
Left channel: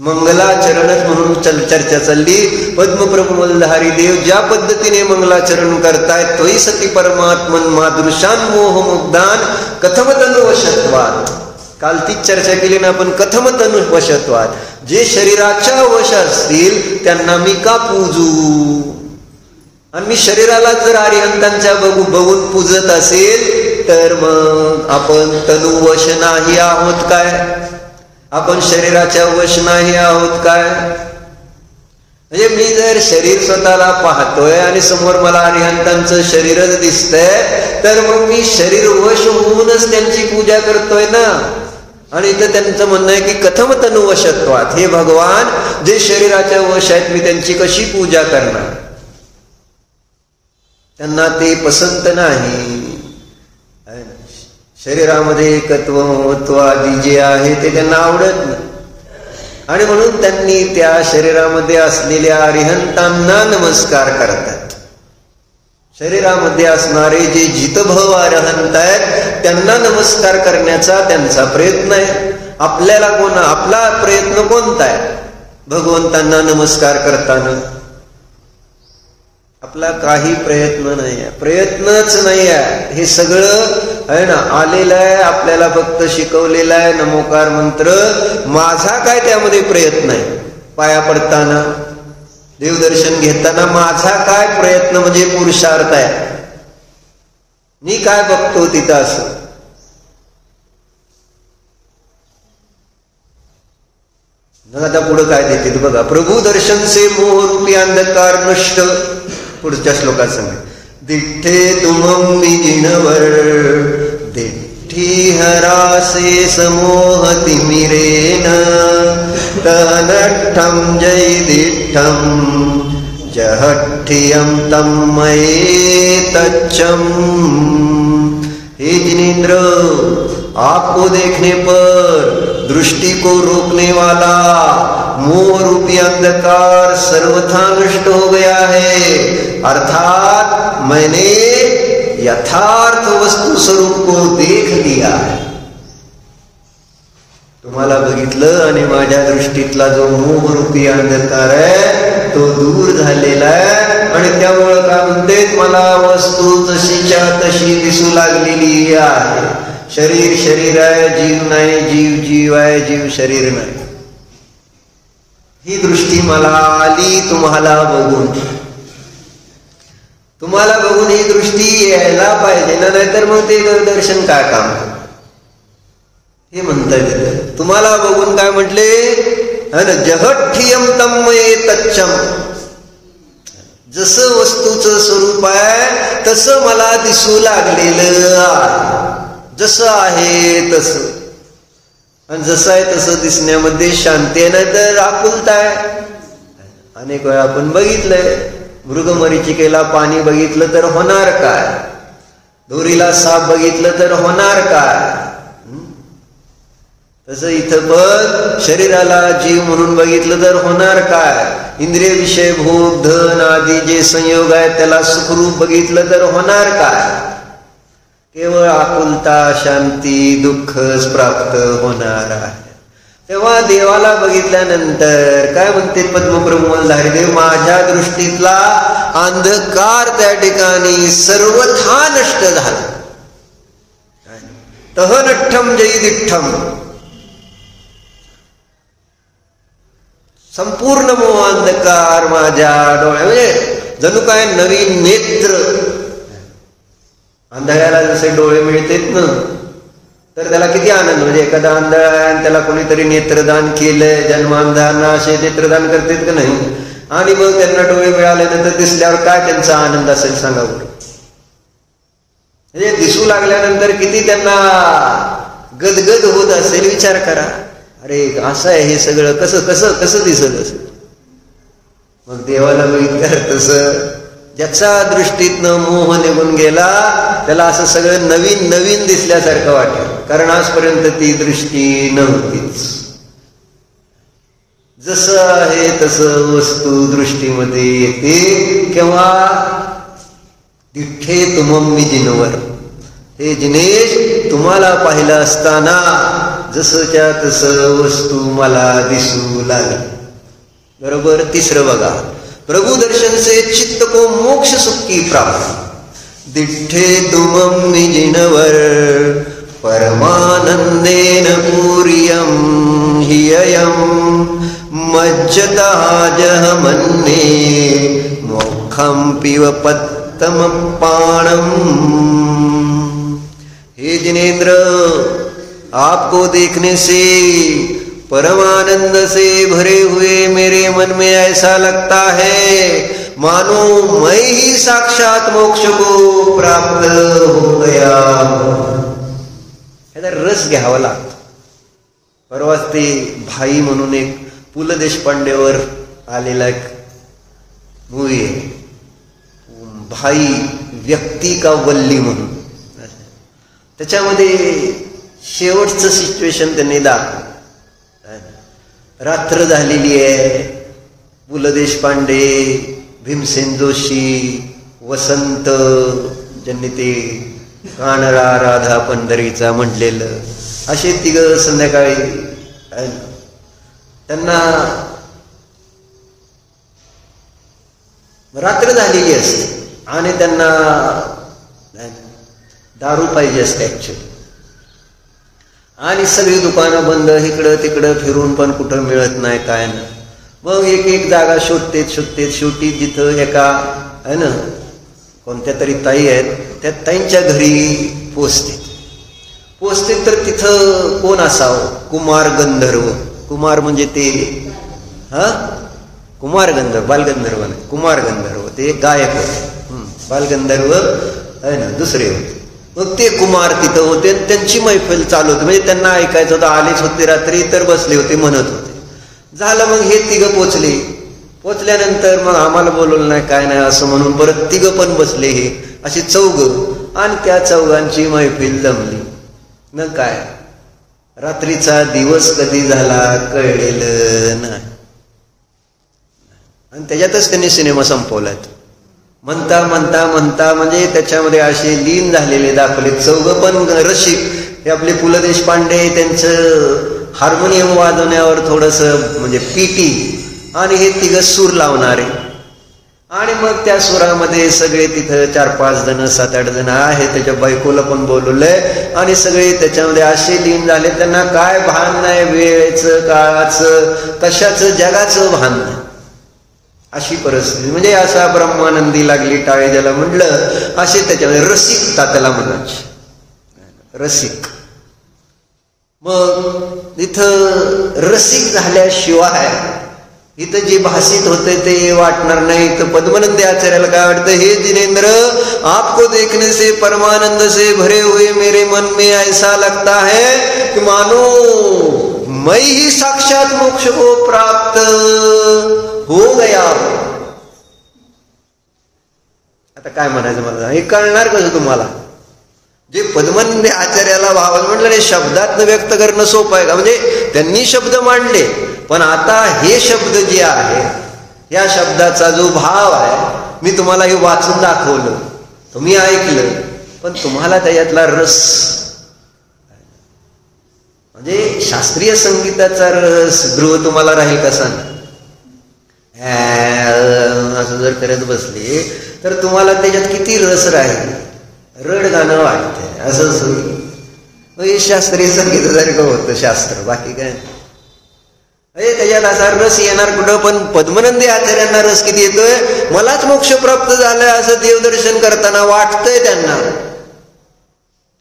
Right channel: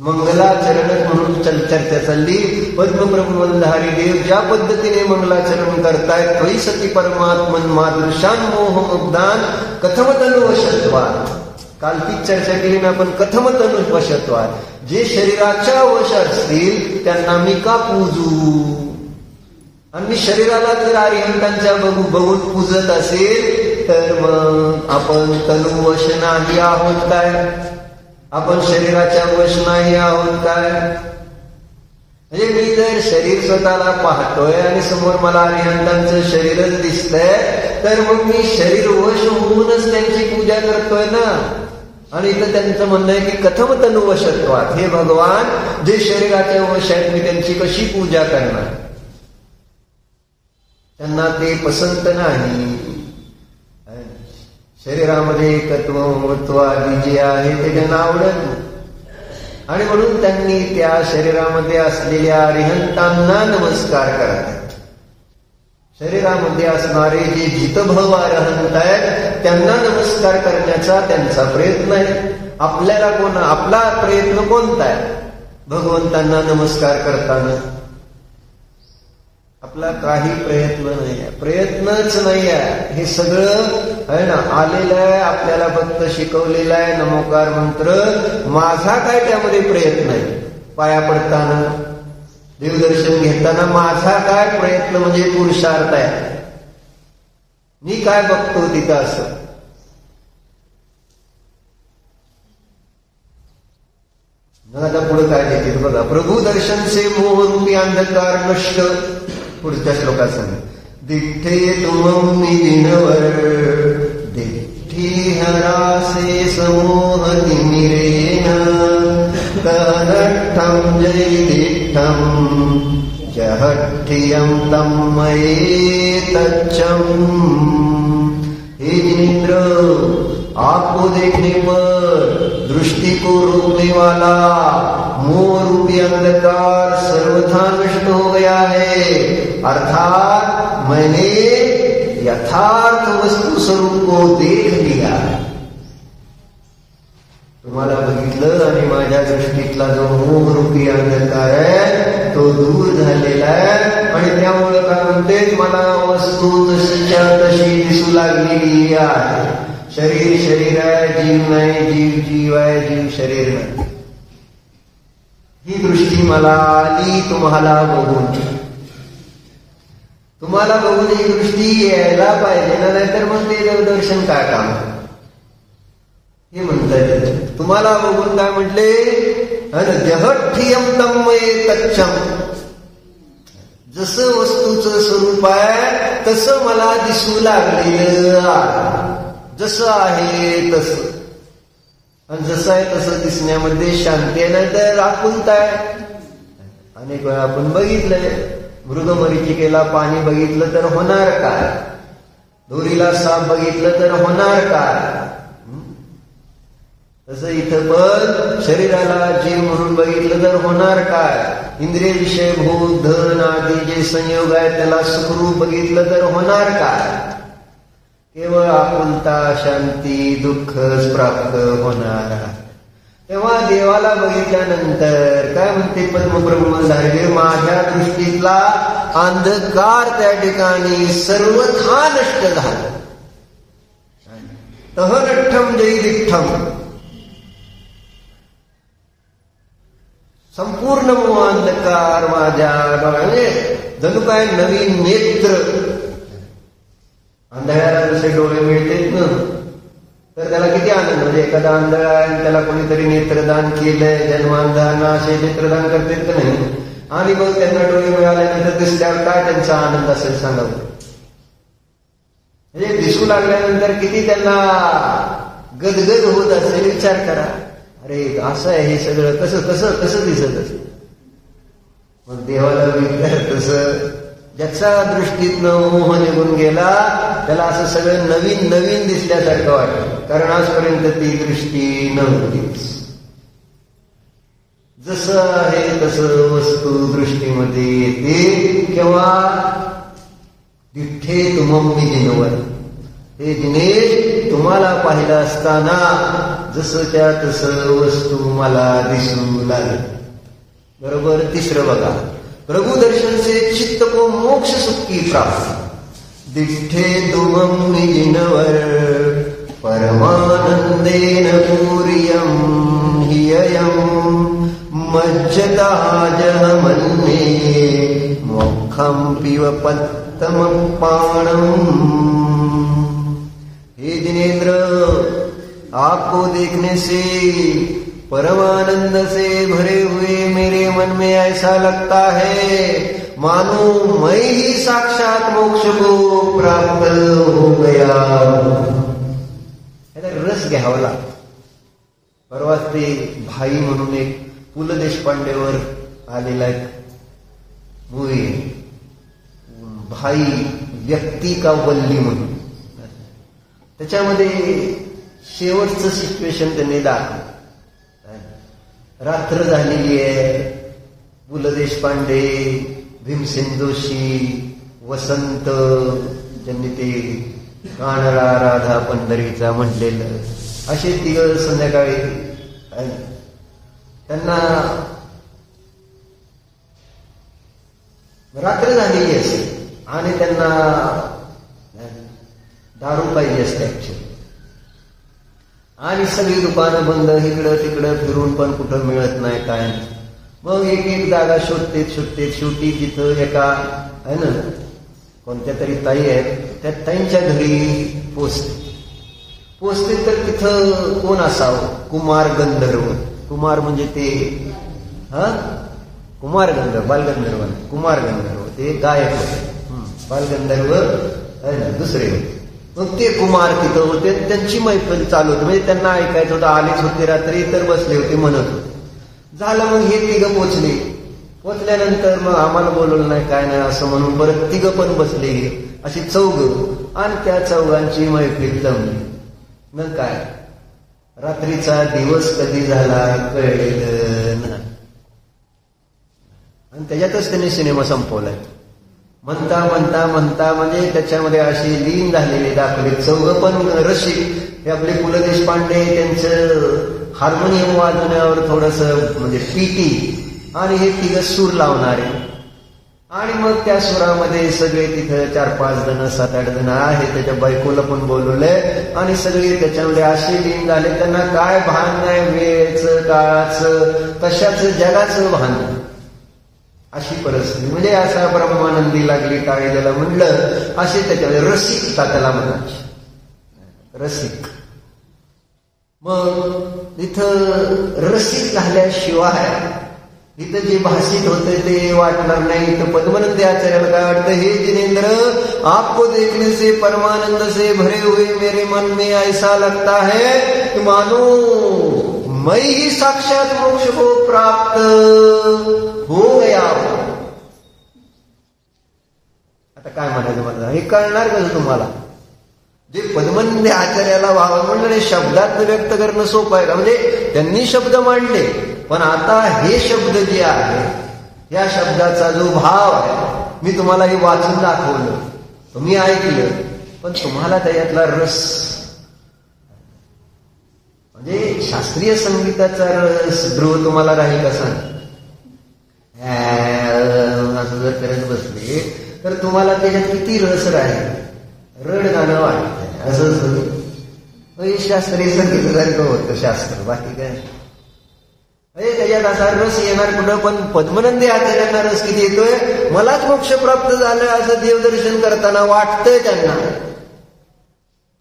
मंगलाचरणच म्हणून चर्चा चालली. पद्मप्रमोलधारी देव ज्या पद्धतीने मंगलाचरण करतायत, तोही सती परमात्मन मादृशान मोह मुग्धान कथमतनु वशत्वात. काल तीच चर्चा केली ना आपण. कथमतनु वशत्वात, जे शरीराच्या वश असतील त्यांना मी का पूजू? आणि मी शरीराला जर अरिहंतांच्या बघून पूजत असेल तर मग आपण तनुवश नाही आहोत काय? आपण शरीराच्या वश नाही आहोत काय? म्हणजे मी जर शरीर स्वतःला पाहतोय आणि समोर मला अरिहंतांचं शरीरच दिसतंय तर मग मी शरीर वश होऊनच त्यांची पूजा करतोय ना. आणि इथं त्यांचं म्हणणं आहे की कथम तनु वशत्वात, हे भगवान जे शरीराच्या वश आहेत मी त्यांची कशी पूजा करणार? त्यांना ते पसंत नाही. शरीरामध्ये एकत्व महत्व आदी जे आहे ते त्यांना आवडत नाही. आणि म्हणून त्यांनी त्या शरीरामध्ये असलेल्या अरिहंतांना नमस्कार करतात. शरीरामध्ये असणारे जे जितभव अरिहंत आहेत त्यांना नमस्कार करण्याचा त्यांचा प्रयत्न आहे. आपल्याला आपला प्रयत्न कोणता आहे? भगवंतांना नमस्कार करताना आपला काही प्रयत्न नाही आहे. प्रयत्नच नाही आहे. हे सगळं आहे ना आलेलं आहे, आपल्याला फक्त शिकवलेलं आहे नमोकार मंत्र. माझा काय त्यामध्ये प्रयत्न आहे? पाया पडताना, देवदर्शन घेताना माझा काय प्रयत्न म्हणजे पुरुषार्थ आहे? मी काय बघतो तिथं असं? आता पुढे काय देते बघा. प्रभू दर्शन से मोह रूपी अंधकार नष्ट. पुढच्या श्लोकात सांगा. दिठ्ठे तुमं जिनवर दिठ्ठी हरासे समोह तिमिरेन तनठ्ठं जय दिठ्ठं जहठ्ठियं तं मये तच्चं. हे जिनेन्द्र, आपको देखने पर दृष्टि को रोकने वाला मोह रूपी अंधकार सर्वथा नष्ट हो गया है. अर्थात मैंने यथार्थ वस्तु स्वरूप को देख लिया है. तुम्हाला बघितलं आणि माझ्या दृष्टीतला जो मोह रूपी अंधकार आहे तो दूर झालेला आहे. आणि त्यामुळे काय म्हणते, मला वस्तू जशीच्या तशी दिसू लागलेली आहे. शरीर शरीर आहे, जीव नाही, जीव जीव आहे, जीव शरीर नाही. ही दृष्टी मला आली तुम्हाला बघून. तुम्हाला बघून ही दृष्टी यायला पाहिजे ना, नाहीतर मग ते दर्शन काय काम हे म्हणतात. तुम्हाला बघून काय म्हटले, जगठ्ठियम तन्मये तच्चम, जसं वस्तूचं स्वरूप आहे तसं मला दिसू लागलेलं आहे, जसं आहे तसं. आणि जसं आहे तसं दिसण्यामध्ये शांती आहे, नाही तर आपुलता आहे. अनेक वेळा आपण बघितलंय, मृगमरीचिकेला पाणी बघितलं तर होणार काय, दोरीला साप बघितलं तर होणार काय. तसं इथं पण शरीराला जीव म्हणून बघितलं तर होणार काय, इंद्रिय विषय भोग धन आदी जे संयोग आहे त्याला सुखरूप बघितलं तर होणार काय. केवळ आकुलता शांती दुःखच प्राप्त होणार आहे. तेव्हा देवाला बघितल्यानंतर काय म्हणते पद्मब्रह्मधारी देव, माझ्या दृष्टीतला अंधकार त्या ठिकाणी सर्वथा नष्ट झाला. तहनठ्ठम जयदिठ्ठम, संपूर्ण मोह अंधकार माझ्या डोळ्या, म्हणजे जणू काय नवीन नेत्र. अंधाऱ्याला जसे डोळे मिळतात ना, तर त्याला किती आनंद. म्हणजे एखादा आंधळा आहे त्याला कोणीतरी नेत्रदान केलंय, जन्मांधांना असे नेत्रदान करतात का नाही, आणि मग त्यांना डोळे मिळाल्यानंतर दिसल्यावर काय त्यांचा आनंद असेल सांगा बरं. म्हणजे दिसू लागल्यानंतर किती त्यांना गदगद होत असेल विचार करा. अरे असं आहे हे सगळं, कसं कसं कसं दिसत असेल. मग देवाला बघितलं तसं, ज्याचा दृष्टीतनं मोह निघून गेला त्याला असं सगळं नवीन नवीन दिसल्यासारखं वाटलं, कारण आजपर्यंत ती दृष्टी नव्हतीच. जसं आहे तसं वस्तू दृष्टीमध्ये येते. केव्हा, दिठ्ठे तुमम मी जिनवर, हे जिनेश तुम्हाला पाहिलं असताना जसंच्या तसं वस्तू मला दिसू लागली. बरोबर. तिसरं बघा, प्रभु दर्शन से चित्त को मोक्ष सुखी प्राप्त. दिठ्ठे तुमम जिनवर परमानंदेन पूर्यम हिययम मज्जता जह मन्ने मोक्षम पिव पत्तम पाणम. हे जिनेन्द्र, आपको देखने से परमानंद से भरे हुए मेरे मन में ऐसा लगता है मानो मैं ही साक्षात मोक्ष को प्राप्त हो गया. याचा रस घ्यावा लागतो. परवाच ते भाई म्हणून एक पु ल देशपांडेवर आलेला एक मूवी आहे, भाई व्यक्ती का वल्ली म्हणून. त्याच्यामध्ये शेवटचं सिच्युएशन त्यांनी दाखवलं. रात्र झालेली आहे, पु ल देशपांडे, भीमसेन जोशी, वसंत, ज्यांनी ते कानडा राधा पंढरीचा म्हटलेलं, असे तिघ संध्याकाळी त्यांना रात्र झालेली असते आणि त्यांना दारू पाहिजे असते ऍक्च्युअली. आणि सगळी दुकानं बंद, इकडं तिकडं फिरून पण कुठं मिळत नाही काय नाही. मग एक एक जागा शोधतेत शेवटी जिथं एका आहे ना कोणत्या तरी ताई आहेत, त्या ताईंच्या घरी पोचते तर तिथं कोण असावं, कुमार गंधर्व. कुमार म्हणजे ते कुमार गंधर्व, बालगंधर्व नाही, कुमार गंधर्व ते गायक होते, बालगंधर्व आहे ना दुसरे होते. मग ते कुमार तिथं होते, त्यांची मैफल चालू होती, म्हणजे त्यांना ऐकायचं होतं. आलेच होते रात्री तर बसले होते, म्हणत होते. झालं मग हे तिघं पोचल्यानंतर मग आम्हाला बोलवलं नाही काय नाही असं म्हणून परत तिघं पण बसले, हे अशी चौघ, आणि त्या चौघांची मैफिल जमली न काय. रात्रीचा दिवस कधी झाला कळलेलं नाही, आणि त्याच्यातच त्यांनी सिनेमा संपवलाय. म्हणता म्हणजे त्याच्यामध्ये असे लीन झालेले दाखवले. चौघ पण रसिक, हे आपले पु ल देशपांडे, त्यांचं हार्मोनियम वाजवण्यावर थोडस म्हणजे पीटी, आणि हे तिघं सूर लावणारे. आणि मग त्या सुरामध्ये सगळे तिथं 4-5 जण 7-8 जण आहेत, त्याच्या बायकोला पण बोलवलंय, आणि सगळे त्याच्यामध्ये असे लीन झाले त्यांना काय भान नाही, वेळेचं काळाचं कशाचं जगाचं भान नाही. अशी परिस्थिती. म्हणजे असा ब्रह्मानंदी लागली टाळी ज्याला म्हणलं, असे त्याच्यामध्ये रसिकता त्याला म्हणायची, रसिक. मग इथं रसिक झाल्याशिवाय इथं जे भाषित होते ते वाटणार नाही. तर पद्मनंदी आचार्याला काय वाटतं, हे जिनेंद्र आपको देखने से परमानंद से भरे हुए मेरे मन में ऐसा लगता है कि मानो मैं ही साक्षात मोक्ष को प्राप्त हो गया. आता काय म्हणायचं मला, हे कळणार कसं तुम्हाला? जे पद्मनंदी आचार्याला भावा म्हटलं नाही, शब्दात व्यक्त करणं सोपं आहे का? म्हणजे त्यांनी शब्द मांडले, पण आता हे शब्द जे आहे, या शब्दाचा जो भाव आहे, मी तुम्हाला हे वाचून दाखवलं, तुम्ही ऐकलं, पण तुम्हाला त्याच्यातला रस, म्हणजे शास्त्रीय संगीताचा रस गृह तुम्हाला राहील कसा? असं जर करत बसले तर तुम्हाला त्याच्यात किती रस राहील? रड गाणं वाटतंय असं. हे शास्त्रीय संगीतासारखं होतं शास्त्र, बाकी काय. त्याच्यात असा रस येणार कुठं? पण पद्मनंदी आचार्यांना रस किती येतोय, मलाच मोक्ष प्राप्त झालाय असं देवदर्शन करताना वाटतंय त्यांना.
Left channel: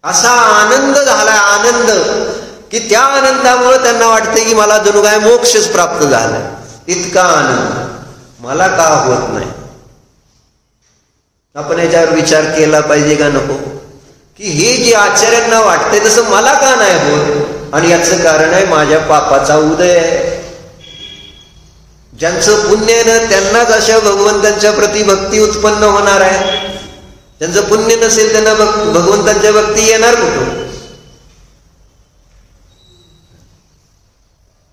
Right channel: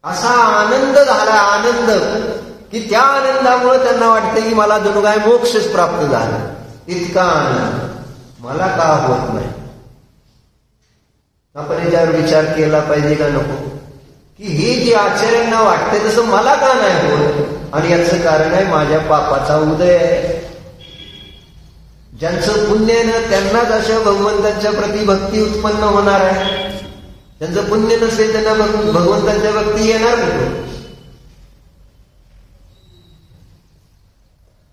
असा आनंद झालाय, आनंद, की त्या आनंदामुळे त्यांना वाटतंय की मला जणू काय मोक्षच प्राप्त झालाय. इतका आनंद मला का होत नाही? आपण याच्यावर विचार केला पाहिजे का नको, की हे जे आचार्यांना वाटते तसं मला का नाही होत? आणि याचं कारण आहे माझ्या पापाचा उदय आहे. ज्यांचं पुण्य आहे ना त्यांनाच अशा भगवंतांच्या प्रति भक्ती उत्पन्न होणार आहे. ज्यांचं पुण्य नसेल त्यांना भगवंतांच्या भक्ती येणार कुठून?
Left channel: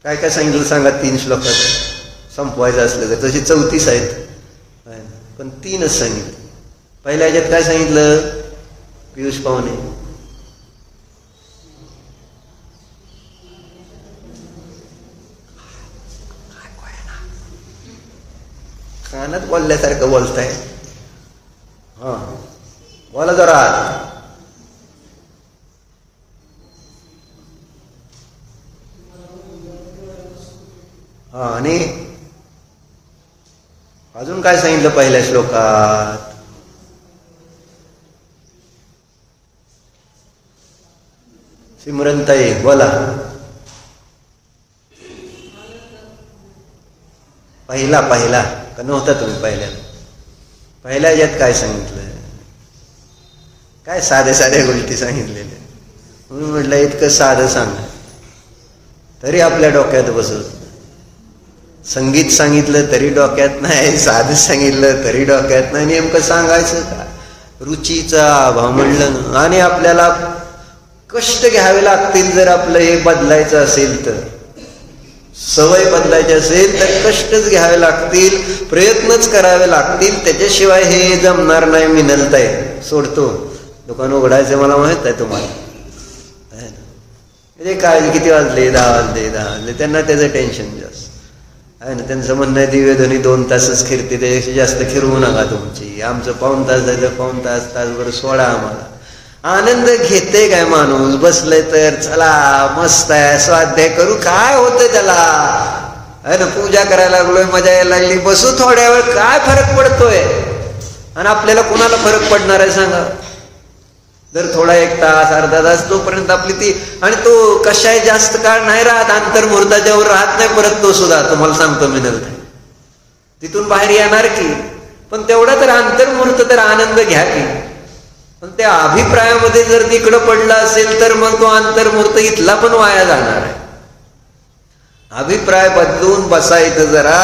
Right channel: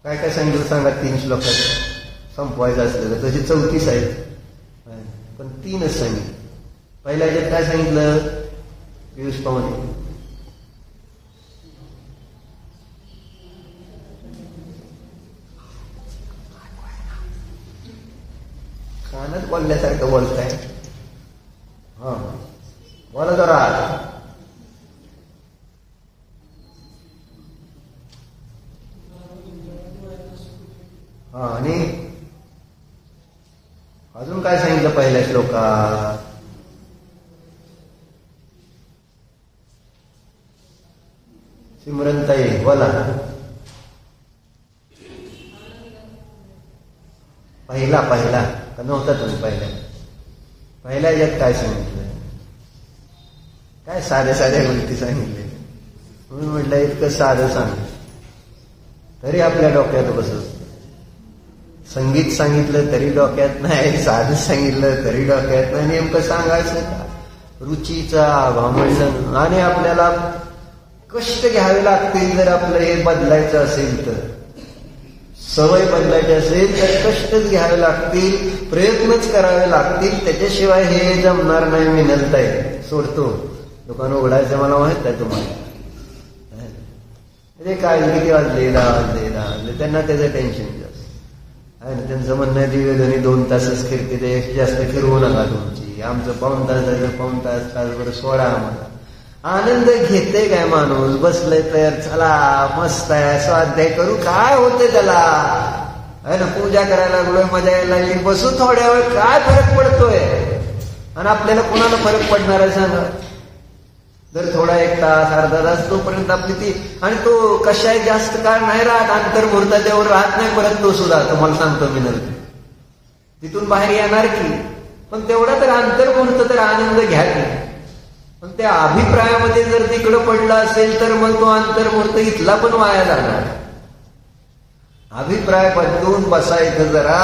काय काय सांगितलं सांगा, 3 श्लोकात संपवायचं असलं तर. तशी 34 आहेत, पण 3च सांगितलं. पहिल्या ह्याच्यात काय सांगितलं पियुष पाहुणे? कानात बोलल्यासारखं बोलताय. हा बोला जरा. हा, आणि अजून काय सांगितलं पहिल्या श्लोकात? सिमरनताई बोला. पहिला का नव्हता तुम्ही पहिल्या यात काय सांगितलं? काय साध्या गोष्टी सांगितलेल्या. म्हणून म्हटलं इतकं साधं सांग तरी आपल्या डोक्यात बसत. संगीत सांगितलं तरी डोक्यात नाही, साधं सांगितलं तरी डोक्यात नाही. नेमकं सांगायचं का? रुचीचा अभाव म्हणलं. आणि आपल्याला कष्ट घ्यावे लागतील जर आपलं हे बदलायचं असेल तर, सवय बदलायची असेल तर कष्टच घ्यावे लागतील, प्रयत्नच करावे लागतील. त्याच्याशिवाय हे जमणार नाही. मिनलताय सोडतो दुकान उघडायचं मला माहित आहे तुम्हाला. म्हणजे काय किती वाजले? 10 वाजले. त्यांना त्याचं टेन्शन जास्त आहे ना. त्यांचं म्हणणं आहे दिव्यध्वनी 2 तासच फिरते, त्याच्यापेक्षा जास्त फिरवू नका तुमची. आमचं 1 तास जायचं, 1 तासभर सोडा आम्हाला. आनंद घेते काय माणूस? बसले तर चला मस्त आहे, स्वाध्याय करू, काय होतंय त्याला? आहे ना, पूजा करायला लागलोय, मजा यायला लागली, बसू थोड्या वेळ, काय फरक पडतोय? आणि आपल्याला कुणाला फरक पडणार आहे सांगा? जर थोडा 1 तास अर्धा तास तोपर्यंत आपली ती, आणि तो कशाही जास्त काळ नाही राहत, अंतर्मुहूर्ताच्या वर राहत नाही परत तो सुद्धा. तुम्हाला सांगतो मी नंतर तिथून बाहेर येणार की, पण तेवढा तर अंतर्मुहूर्त तर आनंद घ्या की. पण त्या अभिप्रायामध्ये जर तिकडं पडला असेल तर मग तो अंतर्मुहूर्त इथला पण वाया जाणार आहे. अभिप्राय बदलून बसायचं जरा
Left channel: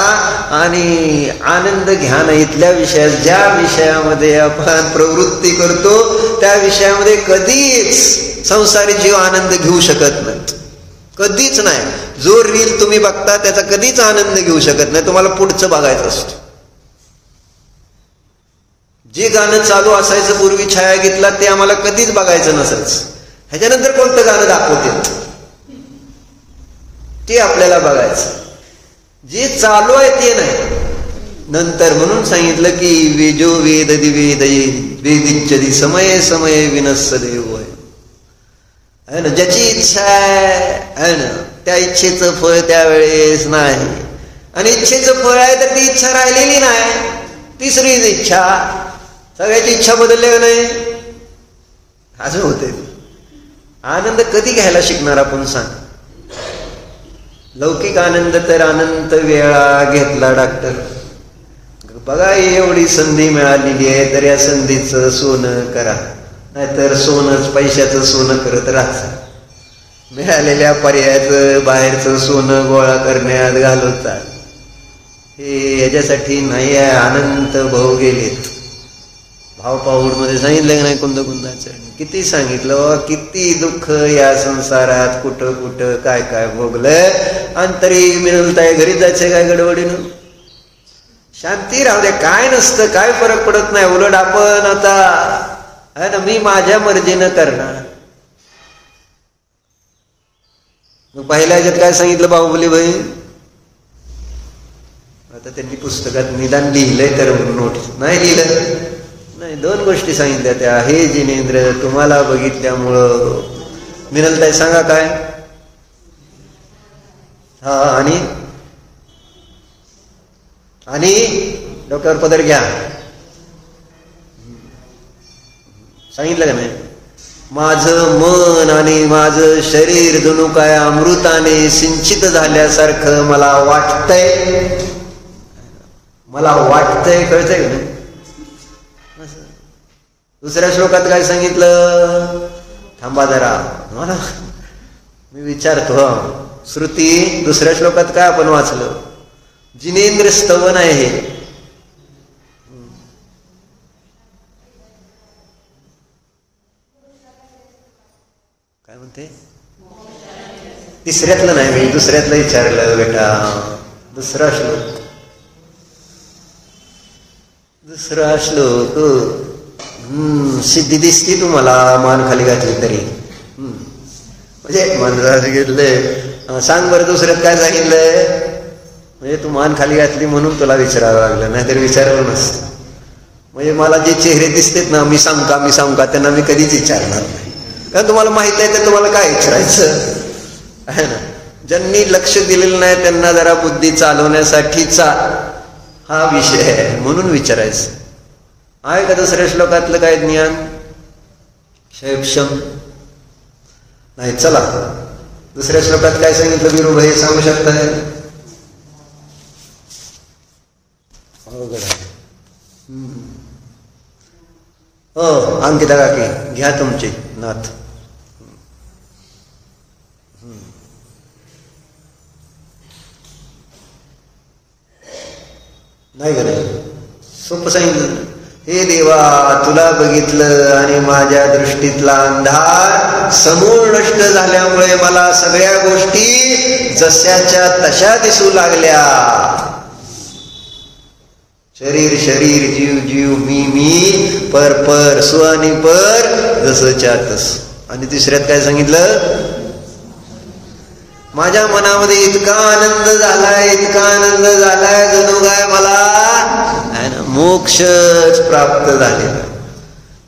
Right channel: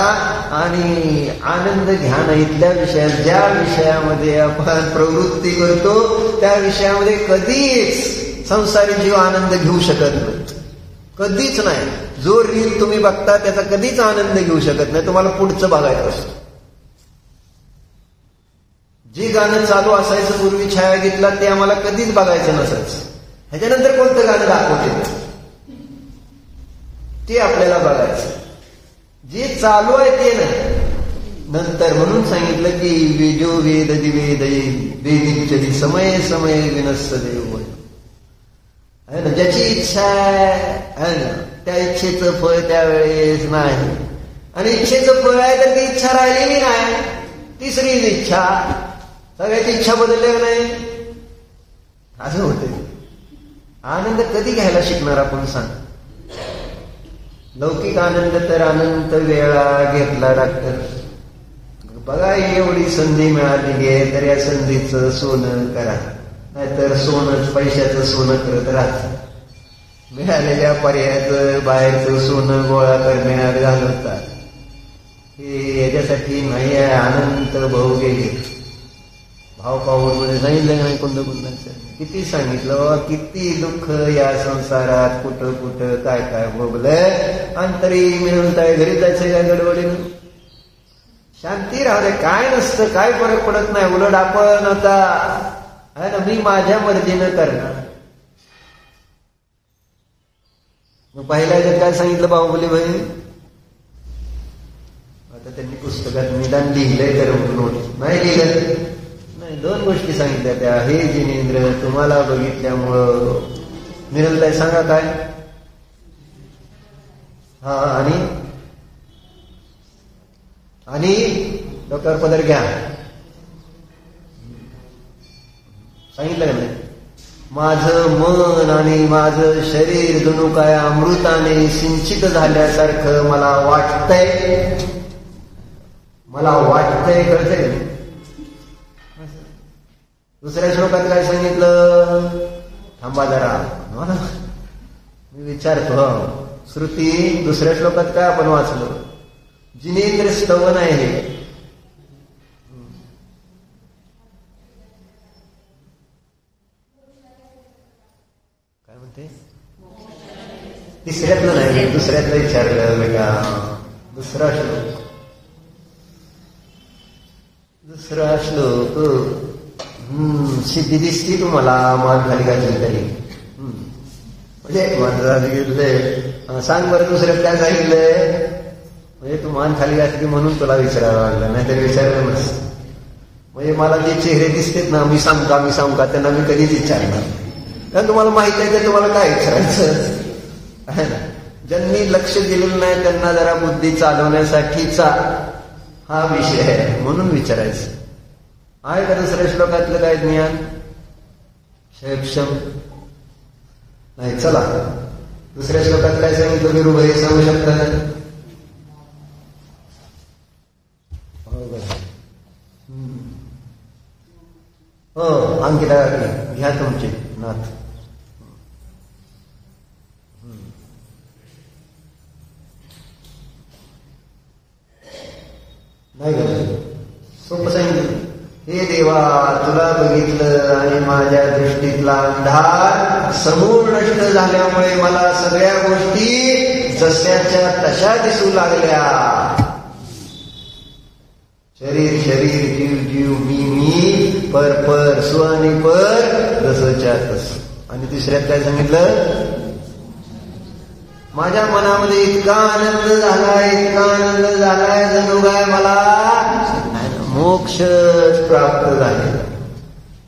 आणि आनंद घ्या ना इथल्या विषयात. ज्या विषयामध्ये आपण प्रवृत्ती करतो त्या विषयामध्ये कधीच संसारी जीव आनंद घेऊ शकत नाही, कधीच नाही. जो रील तुम्ही बघता त्याचा कधीच आनंद घेऊ शकत नाही. तुम्हाला पुढचं बघायचं असतं. जे गाणं चालू असायचं पूर्वी छायागीतला ते आम्हाला कधीच बघायचं नसायचं. ह्याच्यानंतर कोणतं गाणं दाखवते ते आपल्याला बघायचं. जे चालू आहे ते नाही नंतर. म्हणून सांगितलं की वेजो वेद दिवेद वेदिच्छदी समये समये विनस्स देव आहे ना. ज्याची इच्छा आहे ना त्या इच्छेचं फळ त्यावेळेस नाही. आणि इच्छेचं फळ आहे तर ती इच्छा राहिलेली नाही. तिसरीच इच्छा. सगळ्याची इच्छा बदलली का नाही? असं होते. आनंद कधी घ्यायला शिकणार आपण सांग? लौकिक आनंद तर अनंत वेळा घेतला डॉक्टर. बघा एवढी संधी मिळालेली आहे तर या संधीचं सोनं करा, नाहीतर सोनंच पैशाचं सोनं करत राहा. मिळालेल्या पर्यायाचं बाहेरचं सोनं गोळा करण्यात घालवतात. हे याच्यासाठी नाही आहे. अनंत भाऊ गेलेत. भावपाऊड मध्ये सांगितलं की नाही कुंदाचं? किती सांगितलं, किती दुःख या संसारात, कुठं कुठं काय काय भोगलं. आणि तरी मिळताय घरी जायचंय काय गडबडीनं? शांती राहू दे. काय नसतं, काय फरक पडत नाही. उलट आपण आता आहे ना, मी माझ्या मर्जीनं करणार. मग पहिल्या ह्याच्यात काय सांगितलं बाहुबली भाई? आता त्यांनी पुस्तकात निदान लिहिलंय तर नोट नाही लिहिलं नाही. दोन गोष्टी सांगितल्या त्या. हे जिनेंद्र, तुम्हाला बघितल्यामुळं मिळताय सांगा काय? हा, आणि डोक्यावर पदर घ्या. सांगितलं का नाही? माझं मन आणि माझं शरीर जणू काय अमृताने सिंचित झाल्यासारखं मला वाटतंय. मला वाटतंय, कळतंय का नाही? दुसऱ्या श्लोकात काय सांगितलं? थांबा जरा, मला मी विचारतो. श्रुती दुसऱ्या श्लोकात काय आपण वाचलं? जिनेंद्र स्तवन आहे हे. काय म्हणते? तिसऱ्यातलं नाही, मी दुसऱ्यातलं विचारलं बेटा. दुसरा श्लोक. सिद्धी दिसती तुम्हाला मान खाली घातली तरी. म्हणजे मला सांगितलंय, सांग बरं दुसऱ्यात काय सांगितलंय? म्हणजे तू मान खाली घातली म्हणून तुला विचारावं लागलं, नाहीतर विचारलं नसतं. म्हणजे मला जे चेहरे दिसतेत ना, मी सांगू का त्यांना मी कधीच विचारणार नाही. कारण तुम्हाला माहित आहे तर तुम्हाला काय विचारायचं आहे ना. ज्यांनी लक्ष दिलेलं नाही त्यांना जरा बुद्धी चालवण्यासाठीचा हा विषय आहे, म्हणून विचारायचं. आहे का दुसऱ्या श्लोकातलं काय ज्ञान? क्षयक्षम नाही. चला दुसऱ्या श्लोकात काय सांगितलं वीरूभाई सांगू शकताय? हो, अंकिता काकी घ्या तुमची नाथ. नाही का नाही? सोपं सांगितलं. हे देवा, तुला बघितलं आणि माझ्या दृष्टीतला अंधार समूळ नष्ट झाल्यामुळे मला सगळ्या गोष्टी जशाच्या तशा दिसू लागल्या. शरीर शरीर, जीव जीव, मी पर सु आणि पर जसच्या तस. आणि तिसऱ्यात काय सांगितलं? माझ्या मनामध्ये इतका आनंद झालाय जणू काय मला मोक्षच प्राप्त झाले.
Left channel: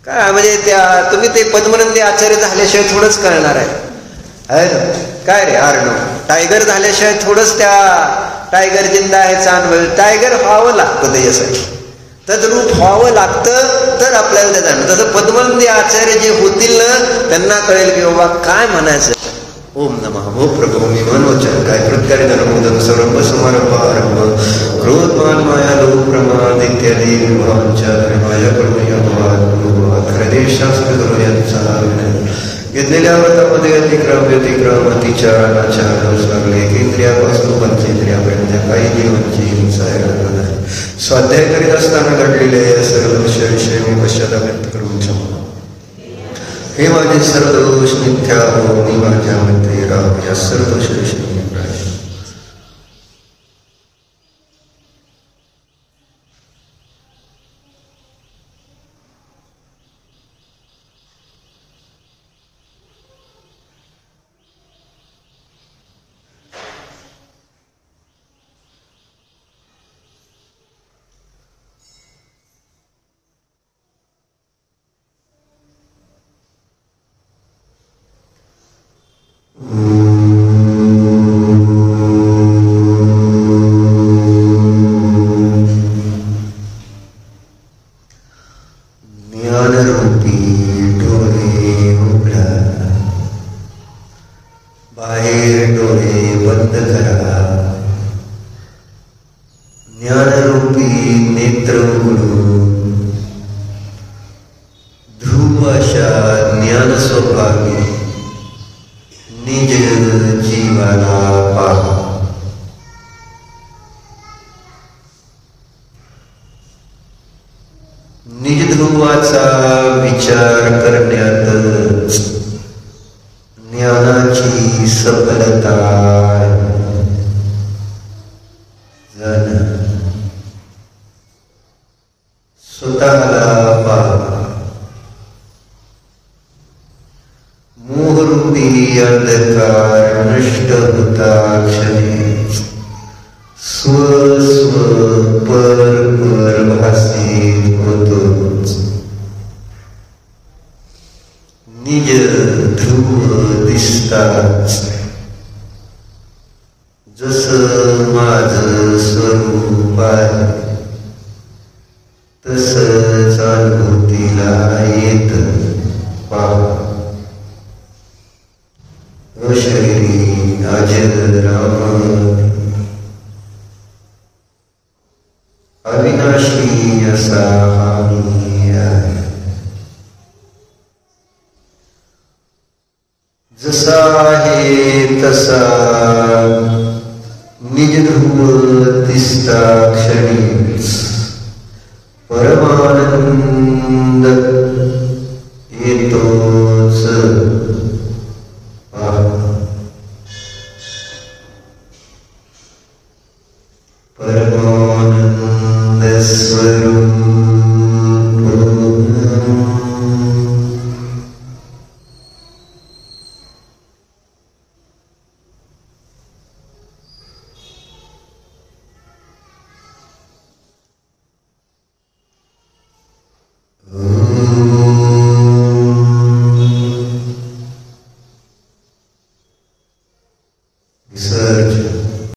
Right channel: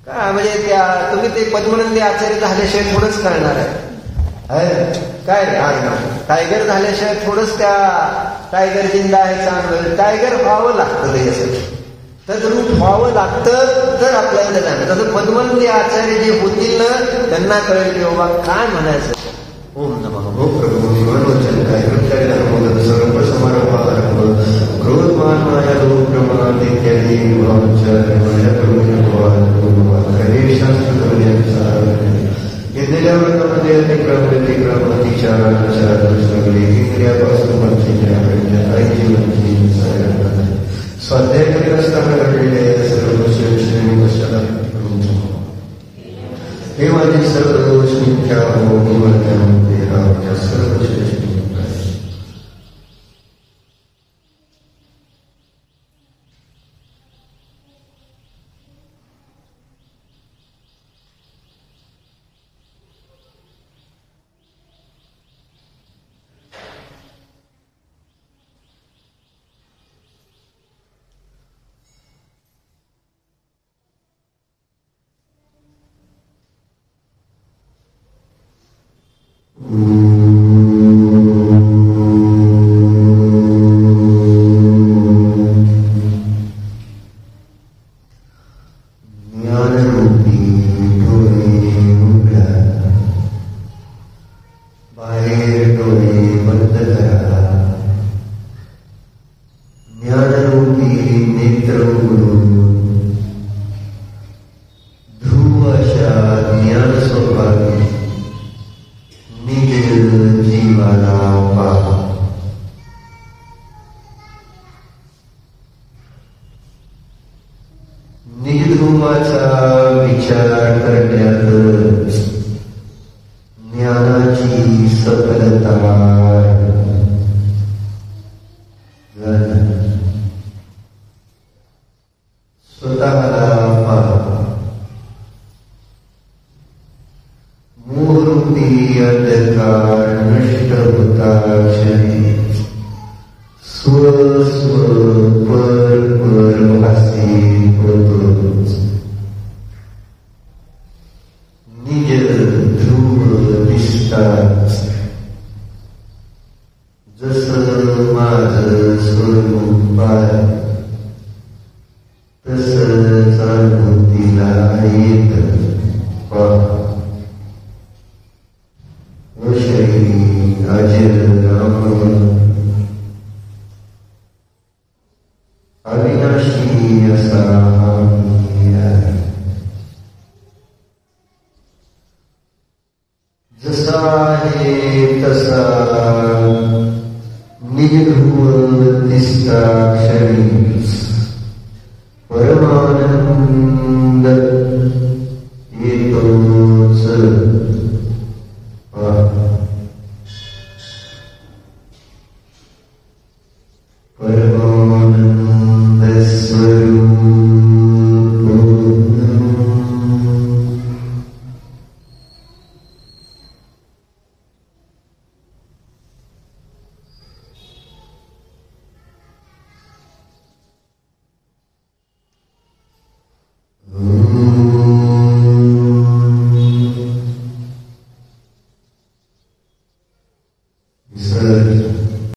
काय म्हणजे त्या तुम्ही ते पद्मनंदी आचार्य झाल्याशिवाय थोडंच करणार आहे. काय रे आर्णव, टायगर झाल्याशिवाय थोडंच त्या टायगर जिंदा आहे अनुभव. टायगर व्हावं लागतं त्याच्यासाठी, तद्रूप व्हावं लागतं तर आपल्याला ते जाणं. तसं पद्मनंदी आचार्य जे होतील ना त्यांना कळेल की बाबा काय म्हणायचं. ओम नमः. ओ प्रभू, मी मनोचन काय कृत्याने धर्मोदम सर्व समारंभ क्रोधमान माया लोक प्रमाद इत्यादी वाचार माया घेतलेल्या व्रतामध्ये अतिक्रम अतिचार सगळे इंद्रिया वास्तू पंचेंद्रिया काही जीवांची हिंसा आहे. स्वाध्याय करीत असताना घडलेले सर्व विषय मी पश्चाताप व्यक्त करून शकतो. हे माझे सर्व दोष मिथ्या हो, मी माझ्या मध्ये राम या सर्व दोष ज्ञानरूपी डोळे उघडा, बाहेर डोळे बंद करा. ज्ञानरूपी नेत्र उघडून ध्रुव अशा ज्ञान स्वभावी निज जीवाला पाहा. निज ध्रुवाचा विचार करण्यात ज्ञानाची सफलता. जण स्वतःला पाहा. मोहरूपी अंधकार नष्ट होता क्षणी स्व पर भासित होतोच. निज ध्रुव दिसताच जसं माझं स्वरूप आहे तसंच अनुभूतीला येत पहा. अशरीरी अजर अमर अविनाशी असा आम्ही आहे. जसा आहे तसा निज ध्रुव दिसता क्षणी परमानंद येतोच. परमानंद स्वरूप